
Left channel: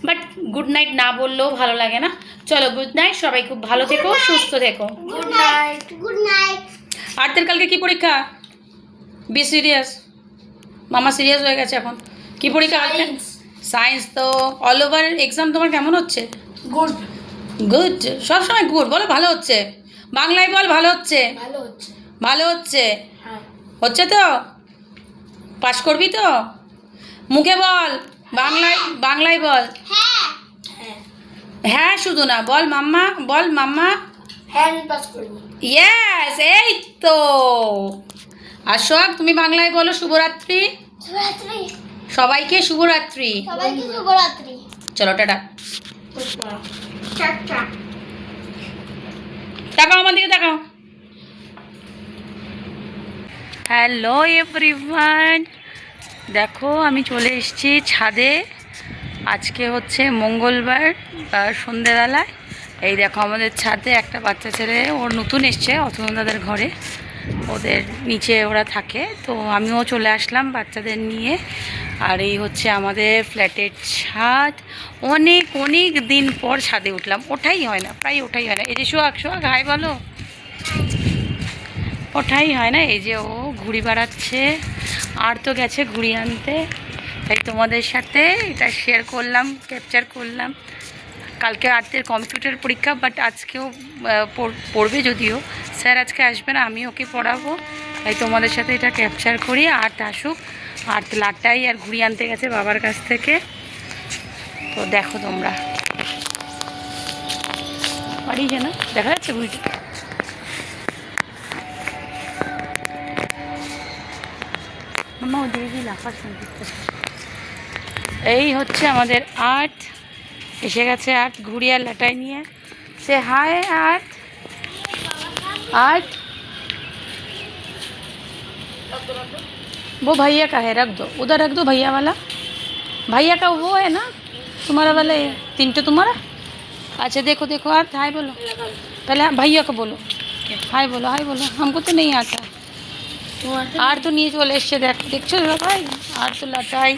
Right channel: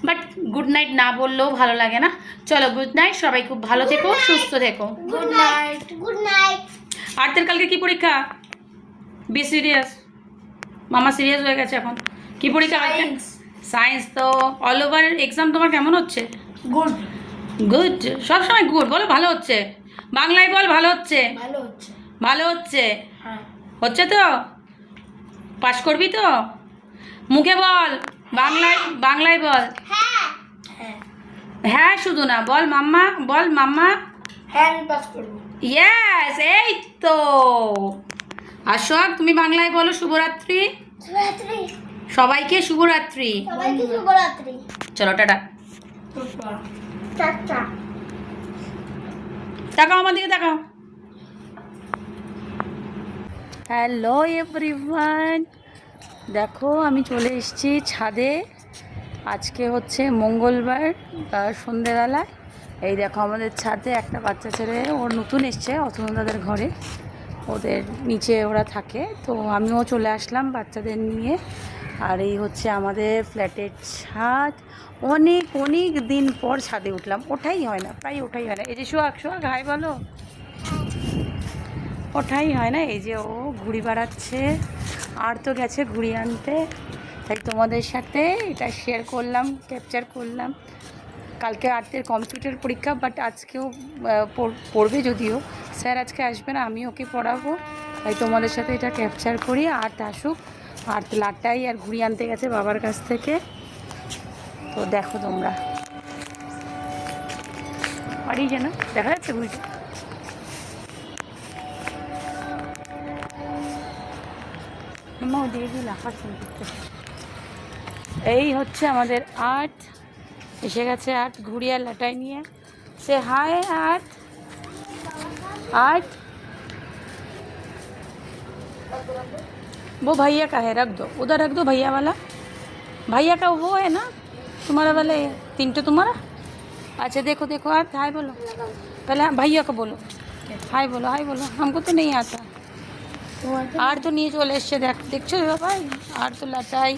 বাট গুড নাইট না বললেও ভালো লাগে না। চলো গুড নাইট, সবাই খুব ভালো থেকো, সুস্থ থেকো। Good night good night. আর্টের কালকে কি পরীক্ষা? Be serious. মামা সিরিয়াস হয়ে গেছে এখন। কি পরীক্ষা? সায়েন্স। তো অল ওভার এক্সাম তোমার কেমন হচ্ছে? Good good. সবসময় গুড বলো, ভালো হচ্ছে। বাংলায় বল ভালো হচ্ছে। ভালো হচ্ছে। ভালো হচ্ছে। হ্যাঁ হচ্ছে তো? পাস করবি তো? মুখে বল, বাংলায় বল। হ্যাঁ হ্যাঁ হ্যাঁ শুধু না, বল মাম্মা, বল মাম্মা। হ্যাঁ আমি পাস করব। ইয়েস, এই তো। আর সোহাগ তুমি বাংলায় বলো শুভরাত্রি। শুভরাত্রি। সবাইকে শুভরাত্রি। সবাইকে শুভরাত্রি। চলো টাটা। টাটা। তাকাও আমার দিকে, তাকাও। হ্যালো এভরিওয়ান, দেখো আমি চলে এসেছি ছাদে। আজকে হচ্ছে মঙ্গলবার সন্ধেবেলায়। এই দেখো আমাদের ছাদে একটা বাচ্চা ছেলে, ওর নতুন এসছে অতনুদাদের ঘরে, ওদের নিচে ওরা থাকে। তো আমিও চলে আসলাম বাচ্চাদের নিয়ে। আর এই হচ্ছে আমাদের ফ্ল্যাটের ছাদ। অনেক দিন পর ছাদে উঠলাম, ওঠাই হয় না, প্রায় ওঠাই হয় না। এই যে সোহাগ হাই বলো। ওঠাই হয় না। এই যে ও ঘুড়ি বাড়াচ্ছে, আর তো গেছে ঘুড়ি আনতে। তাই তোমাদের সাথে এটা শেয়ার করলাম, ক্যাপচার করলাম। কালকে আর্টের কম্পিউটার পরীক্ষা, বাট আজকেও পড়বে, যদিও স্যার আজকে আসবে না, আমি ওকে পড়াবো। তাই তোমাদের সাথে এটা ক্যাপচার করি। আর্ট আসুক, আর্ট লাটাই আর ঘুড়ি আনতে গেছে বাবার কাছ থেকে। তো দেখো তোমরা, বাড়ি যেন দেখা যাচ্ছে ঘুড়িটা। এই হচ্ছে আমাদের আর্ট, এসে গেছে আর্ট ঘুড়ি আর লাটাই নিয়ে। সে হাই আর্ট। आर्ट वो भैया का है, रख दो उधर, रख दो भैया वाला। भैया का वो है ना, तुम्हारा वाला है, तीनटे तुम्हारा। अच्छा देखो देखो आर्ट, हाय बोलो पहले, भैया को बोलो हाय बोलो, हाय बोलो। हमको तो नहीं आता আর তো নিয়ে চলে এসছে, দেখছো ভাই, আর তো লাটাই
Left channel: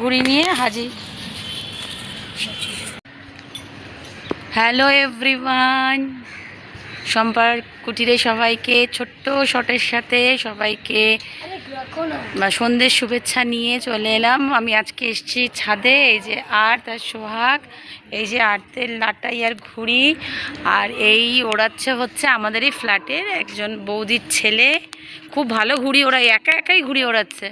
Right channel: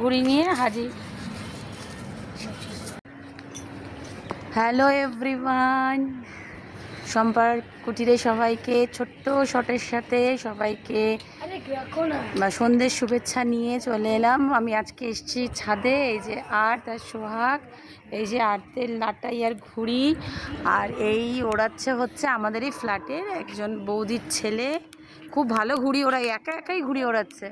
ঘুড়ি নিয়ে হাজির। হ্যালো এভরিওয়ান, সম্পার কুটিরে সবাইকে ছোট্ট শটের সাথে সবাইকে সন্ধ্যের শুভেচ্ছা নিয়ে চলে এলাম। আমি আজকে এসেছি ছাদে, এই যে আর্ট আর সোহাগ, এই যে আর্টের লাটাই আর ঘুড়ি, আর এই ওড়াচ্ছে হচ্ছে আমাদের এই ফ্ল্যাটের একজন বৌদির ছেলে। খুব ভালো ঘুড়ি ওড়ায়, একা একাই ঘুড়ি ওড়াচ্ছে।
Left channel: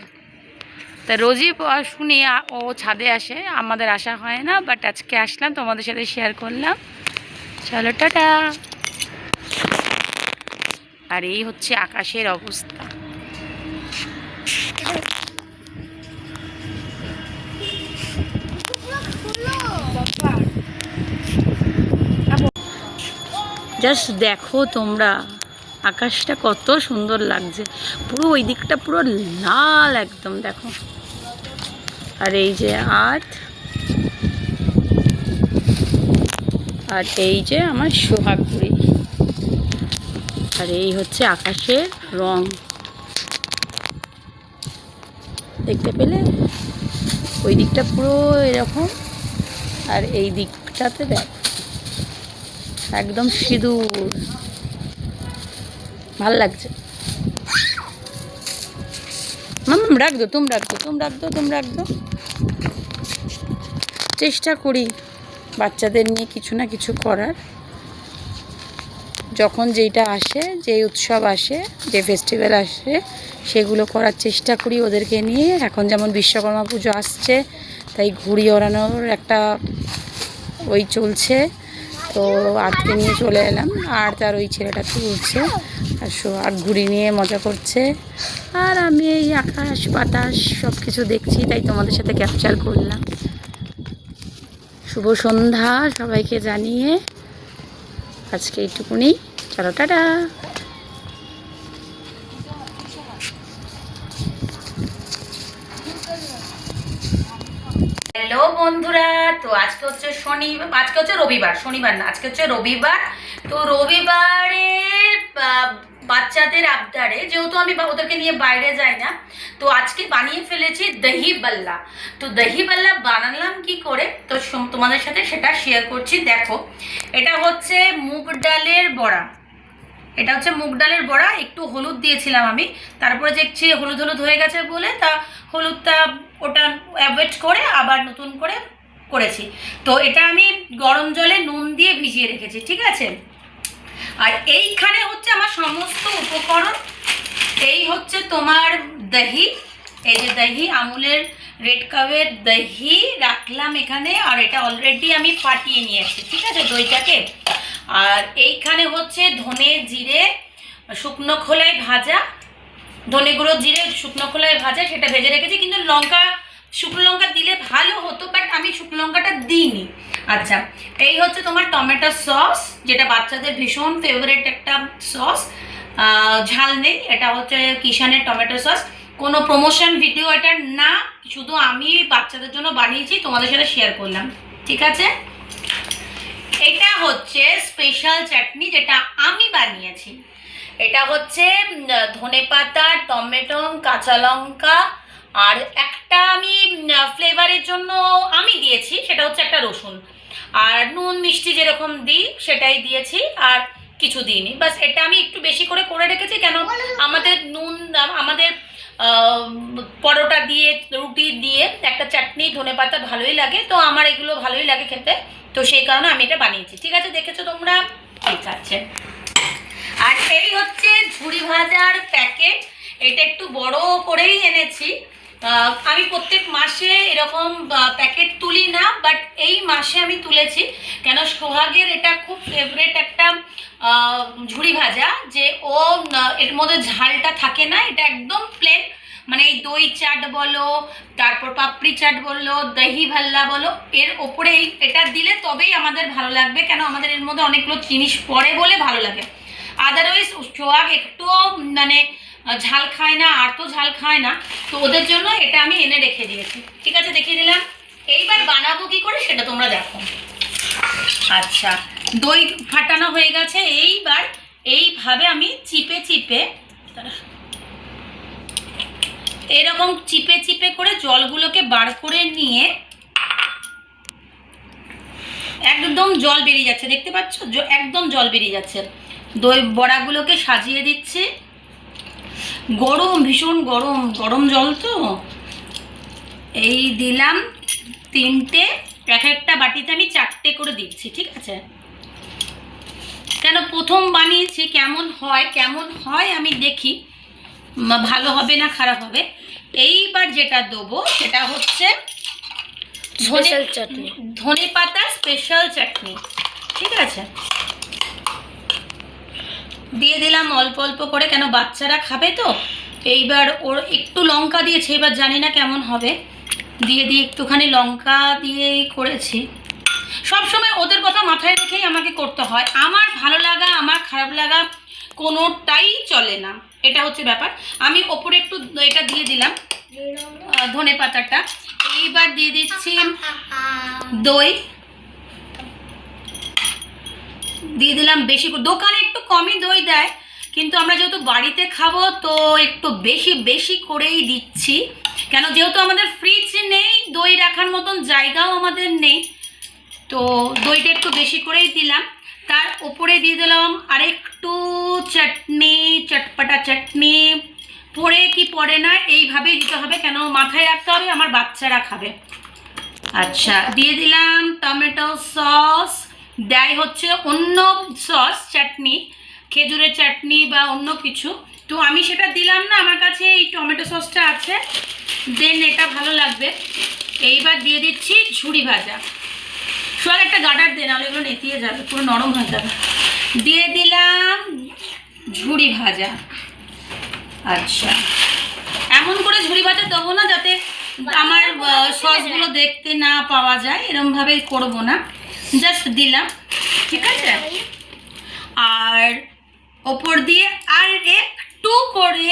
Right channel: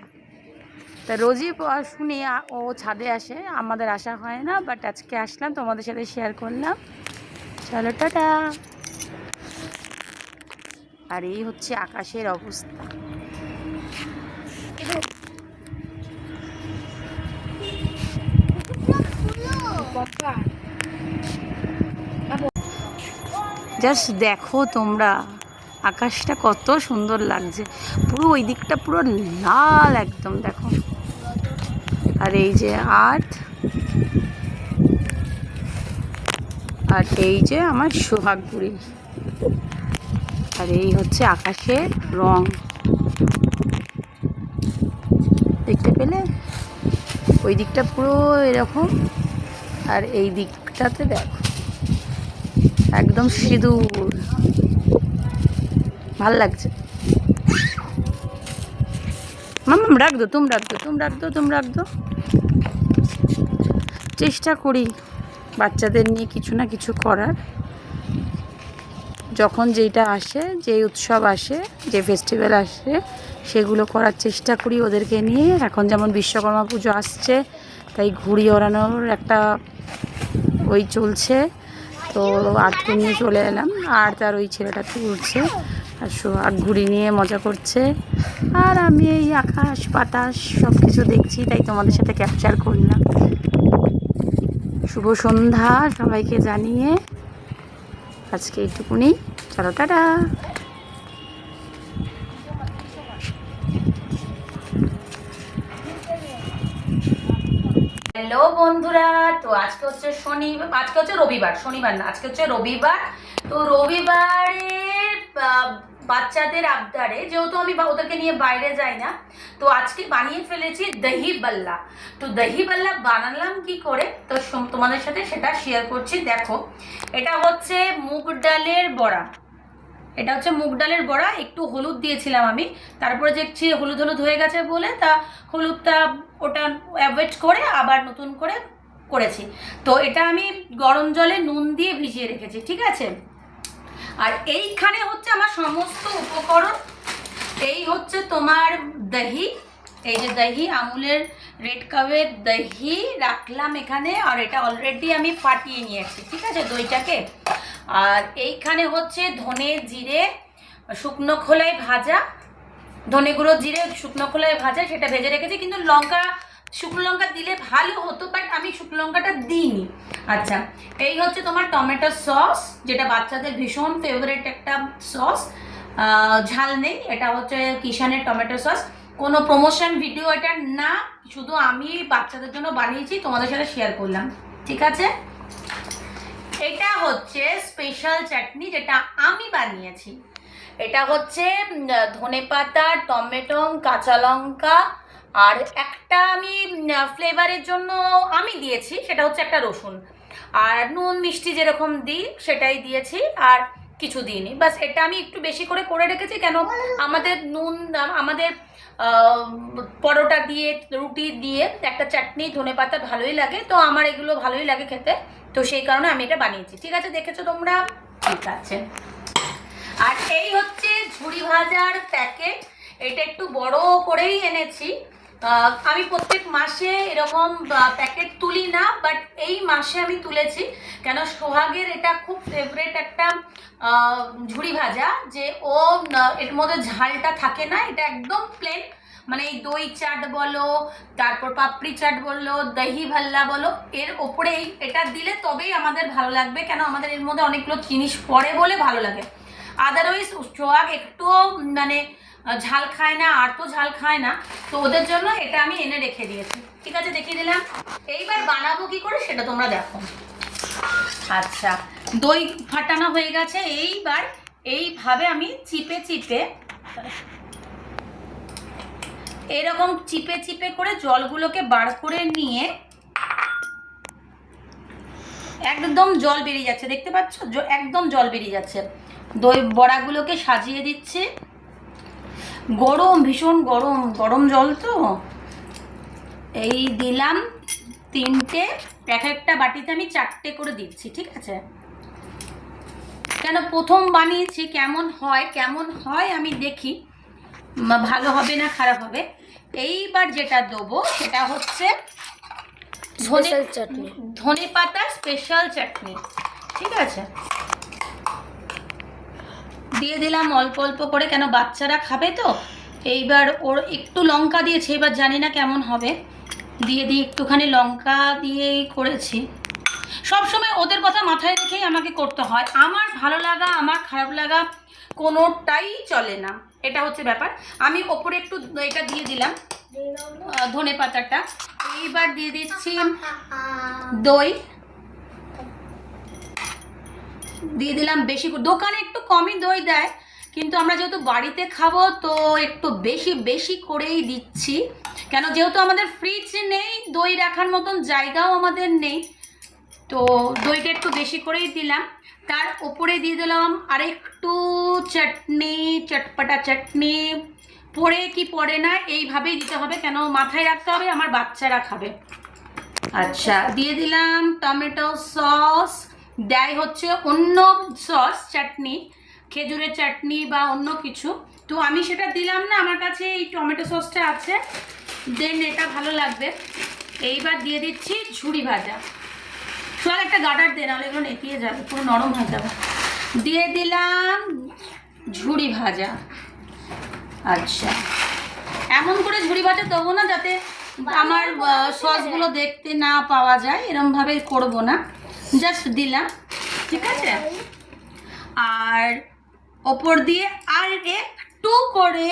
তা রোজই শুনি ও ছাদে আসে, আমাদের আসা হয় না, বাট আজকে আসলাম, তোমাদের সাথে শেয়ার করলাম। চলো টাটা। আর এই হচ্ছে আকাশের অবস্থা। জাস্ট দেখো তোমরা, আকাশটা কত সুন্দর লাগছে, পুরো ওই দিকটা পুরো লাল একদম, দেখো। আর এই যে আর্ট, আর এই যে আমার সোহাগ ঘুড়ি, আর এই হচ্ছে আকাশের রং, দেখতে পেলে? ওই দিকটা পুরো এরকম, আর এই দিকটাতে দেখো একদম সিঁদুর, ভাল লাগছে। মাম্মাম রাখ দো, তুমি রাখ দো, তুমি রাখ দো, তুমি রাখ দো। চেষ্টা করি বাচ্চাদের নিয়ে কিছু না কিছু করার, যখন যেটা আসে, যে উৎসব আসে, যে ফেস্টিভ্যাল আসে, সেগুলো করার চেষ্টা করি ওদেরকে নিয়ে। এখন যেমন বিশ্বকর্মা পুজো আসছে, তাই ঘুড়ি ওড়ানোর একটা ওই চলছে, তো আর্টকে নিয়ে চলে এলাম। আর তার ওই ছেলেটা তুলছে, আর সোহাগ ঘুড়ি নিয়ে মজা করছে, আর আমি এই আকাশ বাতাস সব কিছু দেখছি, তাই তোমাদের সাথে ক্যাপচার করলাম। শুভ সন্ধ্যা সবাইকে জানিয়ে আজকে এইটুকুনি, চলো টাটা। হ্যালো বন্ধুরা, তো আজকে হচ্ছে আজকে হচ্ছে রবিবার, শনিবার না, আজকে হচ্ছে রবিবার। তো রবিবারের বাচ্চাদের আবদারে, যেহেতু আমি ওদেরকে নিয়ে বাইরে যাই না, তো আজকে বানিয়ে ফেলেছি দহি বাল্লা। তো দহি বাল্লা বানালাম কি করে, তো তোমাদের সাথে সেটা শেয়ার করছি। দেখো, এটা হচ্ছে মুগ ডালের বড়া, এটা হচ্ছে মুগ ডালের বড়া। একটু হলুদ দিয়েছিলাম আমি, তারপরে দেখছি হলুদ হলুদ হয়ে গেছে বলে তা হলুদটা ওটা অ্যাভয়েড করে আবার নতুন করে করেছি। তো এটা আমি গরম জলে নুন দিয়ে ভিজিয়ে রেখেছি, ঠিক আছে। আর এইখানে হচ্ছে আমার সমস্ত উপকরণ। এই হচ্ছে তোমার দহি, এই যে দহি, আমুলের রেড কাপের দহি রাখলাম এখানে, আর এটা অলরেডি আমি ফাটিয়ে নিয়েছি, ঠিক আছে, দইটাকে। আর এইখানে হচ্ছে ধনে জিরে শুকনো খোলায় ভাজা, ধনে গুঁড়ো জিরে শুকনো খোলায় ভাজা, সেটা ভেজে রেখেছি। কিন্তু লঙ্কা, শুকনো লঙ্কা দিলে ভালো হতো, বাট আমি শুকনো লঙ্কাটা দিইনি। আচ্ছা, এই হচ্ছে তোমার টমেটো সস, যেটা বাচ্চাদের ভীষণ ফেভারিট একটা সস, ঝাল নেই। এটা হচ্ছে কিষানের টমেটো সস, কোনো প্রমোশন ভিডিও এটা না, শুধু আমি বাচ্চাদের জন্য বানিয়েছি, তোমাদের সাথে শেয়ার করলাম, ঠিক আছে। এটা হচ্ছে স্পেশাল চাটনি, যেটা আমি বানিয়েছি। এটা হচ্ছে ধনেপাতা, টমেটো, কাঁচা লঙ্কা, আর একটা আমি ফ্লেভারের জন্য আমি দিয়েছি, সেটা হচ্ছে একটা রসুন, আর নুন মিষ্টি যেরকম দিই সেটাই দিয়েছি, আর কিছু দিইনি। বাস এটা আমি একটু বেশি করে করে রেখেছি, কেন আমাদের আমাদের পরোটা দিয়ে, রুটি দিয়ে একটা চাটনি ধনেপাতা ভালোই লাগে, তো আমার এগুলো ভালোই লাগে খেতে, তো সেই কারণে আমি এটা বানিয়েছি, ঠিক আছে। দেখেছো তোমরা, ঠিক আছে। আর এই হচ্ছে ঝুড়ি ভাজার প্যাকেট, এটা একটু বড় করেই এনেছি। আমি প্রত্যেক মাসে এরকম প্যাকেট তুলি না, বাট এই মাসে আমি তুলেছি, কেন সোহাগের এটা খুব ফেভারিট একটা ঝুড়ি ভাজা, যে ও এর মধ্যে ঝালটা থাকে না, এটা একদম প্লেন মানে এই দই চাট বলো, তারপর পাপড়ি চাট বলো, দহি ভাল্লা বলো, এর ওপরে এটা দিলে তবেই আমাদের ভালো লাগবে, কেন আমাদের এর মধ্যে অনেকগুলো জিনিস পড়ে বলে ভালো লাগে। আদারওয়াইজ সোহাগ একটুও মানে ঝাল খায় না, আর তো ঝাল খায় না, তো ওদের জন্য এটা আমি এনে রেখে দিয়েছি। ঠিক আছে, দেখিয়ে দিলাম। এইবার বানাবো কি করে সেটা তোমরা দেখো। আচ্ছা, দই ফাটানো হয়ে গেছে। এইবার এইভাবে আমি চিপে চিপে, এরকম চিপে চিপে করে জলগুলোকে বার করে নিয়ে, একদম জল বেরিয়ে যাচ্ছে, দেখতে পাচ্ছ একদম জল বেরিয়ে যাচ্ছে। দই বড়াগুলোকে সাজিয়ে দিচ্ছি। গরম, ভীষণ গরম, গরম জল তো। এই দিলাম 3টে, এক একটা বাটিতে আমি 4টে করে দিচ্ছি। ঠিক আছে, কেন প্রথম বানিয়েছি, কেমন হয় আমি দেখি ভালো হবে না খারাপ হবে। এইবার যেটা দেবো সেটা হচ্ছে স্পেশাল চাটনি, ধনে পাতার স্পেশাল চাটনি। ঠিক আছে, দিয়ে দিলাম অল্প অল্প করে, কেন বাচ্চারা খাবে তো। এইবার ওর একটু লঙ্কা দিয়েছি, এবার জানি না কেমন হবে, দিয়ে একটুখানি লঙ্কা দিয়েই করেছি। সবসময় ওদের কথা মাথায় রেখেই আমাকে করতে হয়, আমার ভালো লাগা আমার খারাপ লাগা কোনোটাই চলে না, এটা হচ্ছে ব্যাপার। আমি ওপরে একটু এটা দিয়ে দিলাম, ধনে পাতাটা। এইবার দিয়ে দিচ্ছি দই, দিয়ে দিলাম বেশি করে। দোকানে একটু কমই দই দেয়, কিন্তু আমরা যেহেতু বাড়িতে খাবো তো একটু বেশি বেশি করেই দিচ্ছি, কেন যেহেতু আমাদের ফ্রিজ নেই, দই রাখার মতন জায়গাও আমাদের নেই, তো দইটা একটু বেশি করেই দিলাম। তার উপরে দিয়ে দিলাম আরেকটু চাটনি, চটপটা চাটনি। পড়ে কি পড়ে না এইভাবেই দিতে হবে, কেন মাথায় রাখতে হবে আমার বাচ্চারা খাবে। আচ্ছা, দিয়ে দিলাম টমেটো সস। দেয় হচ্ছে অন্য সস, চাটনি, খেজুরের চাটনি বা অন্য কিছু, তো আমি সেটা দিলাম না, আমার কাছে এই টমেটো সসটা আছে, দেন এটা ভালো লাগবে। এইবার দিয়ে দিচ্ছি ঝুড়ি ভাজা। সব একটা গার্ডার দে, নাহলে এগুলো নেতিয়ে যাবে, পুরো নরম হয়ে যাবে। দিয়ে দিলাম ঝুড়ি ভাজা। আচ্ছা, এমন করে ঝুড়ি ভাজা দেবো না যাতে আমার সসগুলো দেখতে না পাওয়া যায়, এরমভাবে করবো না, জাস্ট দিলাম। ঠিক আছে, আর ওপর দিয়ে আর একটু করে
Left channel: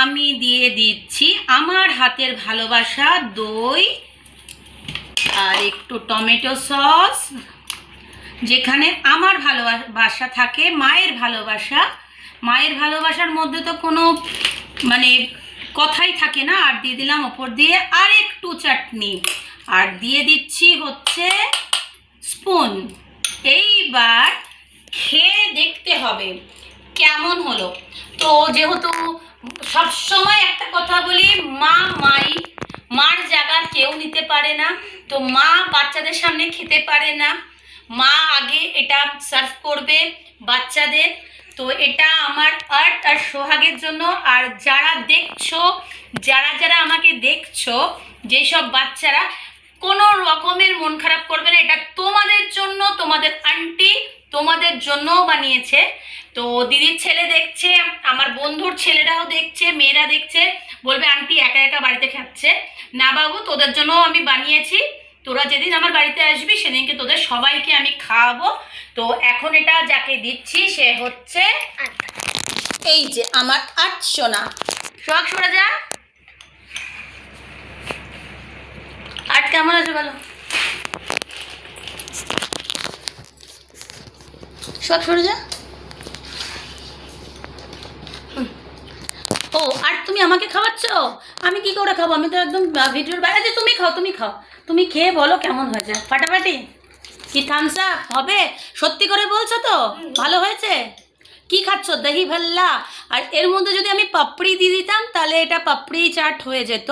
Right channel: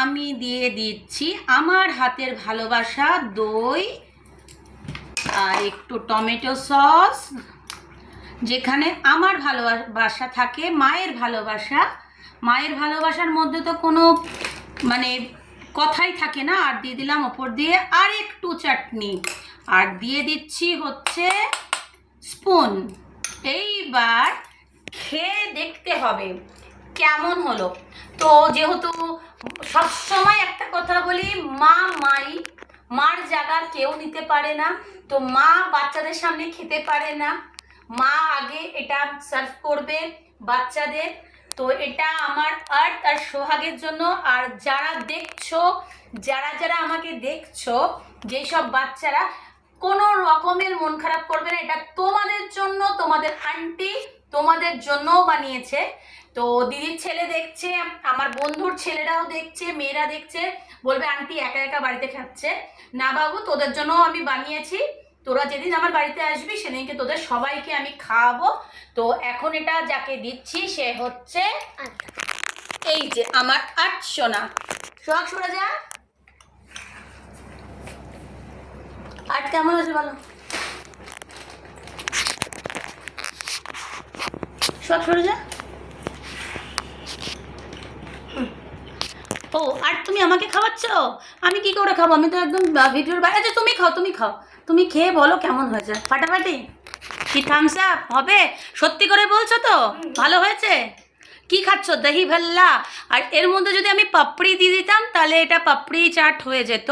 আমি দিয়ে দিচ্ছি আমার হাতের ভালোবাসা দই আর একটু টমেটো সস, যেখানে আমার ভালোবাসা থাকে, মায়ের ভালোবাসা। মায়ের ভালোবাসার মধ্যে তো কোনো মানে কথাই থাকে না। আর দিয়ে দিলাম ওপর দিয়ে আর একটু চাটনি, আর দিয়ে দিচ্ছি হচ্ছে স্পুন। এইবার খেয়ে দেখতে হবে কেমন হলো। তো যেহেতু সবসময় একটা কথা বলি, মার জায়গা কেউ নিতে পারে না, তো মা বাচ্চাদের সামনে খেতে পারে না, মা আগে এটা সার্ভ করবে বাচ্চাদের। তো এটা আমার আর্ট আর সোহাগের জন্য। আর যারা দেখছো, যারা আমাকে দেখছো, যেসব বাচ্চারা, কোনো রকমের মন খারাপ করবে না, এটা তোমাদের জন্য, তোমাদের আন্টি তোমাদের জন্যও বানিয়েছে। তো দিদির ছেলে দেখছে, আমার বন্ধুর ছেলেরাও দেখছে, মেয়েরা দেখছে, বলবে আন্টি একা একা বাড়িতে খাচ্ছে না। বাবু, তোদের জন্যও আমি বানিয়েছি, তোরা যেদিন আমার বাড়িতে আসবি সেদিনকে তোদের সবাইকে আমি খাওয়াবো। তো এখন এটা যাকে দিচ্ছি সে হচ্ছে এই যে আমার আটশোনা। সোহাগ সরে যা। আট কেমন আছে বলো? সোহাগ সরে যা। ও, আর তুমি আমাকে খাওয়াচ্ছ? আমি কি করে খাবো? আমি তো একদম ভিডিওর বাইরে। আচ্ছা, তুমি খাও, তুমি খেয়ে বলো কেমন হয়েছে। ফাটাফাটি কি থামস আপ হবে? সত্যি করে বলছো তো? ভালো হয়েছে? কি খাচ্ছ? দহি ভাল্লা। আর এর মধ্যে যদি আমি পাপড়ি দিয়ে দিতাম তাহলে এটা পাপড়ি চাট হয়ে যেত,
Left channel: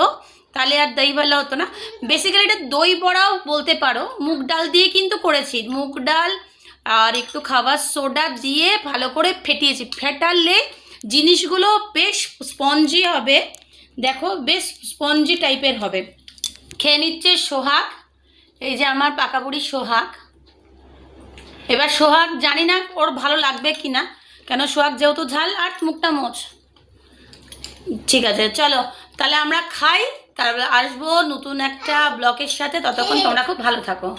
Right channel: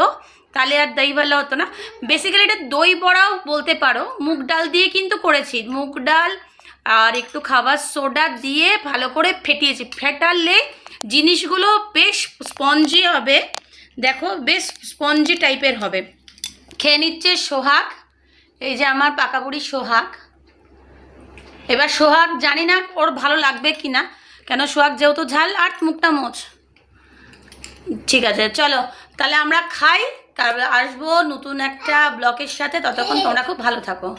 তাহলে আর দহি ভাল্লা হতো না। বেসিক্যালি এটা দই বড়াও বলতে পারো, মুগ ডাল দিয়ে কিন্তু করেছি। মুগ ডাল আর একটু খাবার সোডা দিয়ে ভালো করে ফেটিয়েছি। ফেটালে জিনিসগুলো বেশ স্পঞ্জি হবে, দেখো বেশ স্পঞ্জি টাইপের হবে। খেয়ে নিচ্ছে সোহাগ, এই যে আমার পাকা বুড়ি সোহাগ। এবার সোহাগ জানি না ওর ভালো লাগবে কি না, কেন সোহাগ যেহেতু ঝাল। আর মুখটা মোচ। ঠিক আছে, চলো তাহলে আমরা খাই, তারপরে আসবো নতুন একটা ব্লগের সাথে। ততক্ষণ তোমরা খুব ভালো থাকো।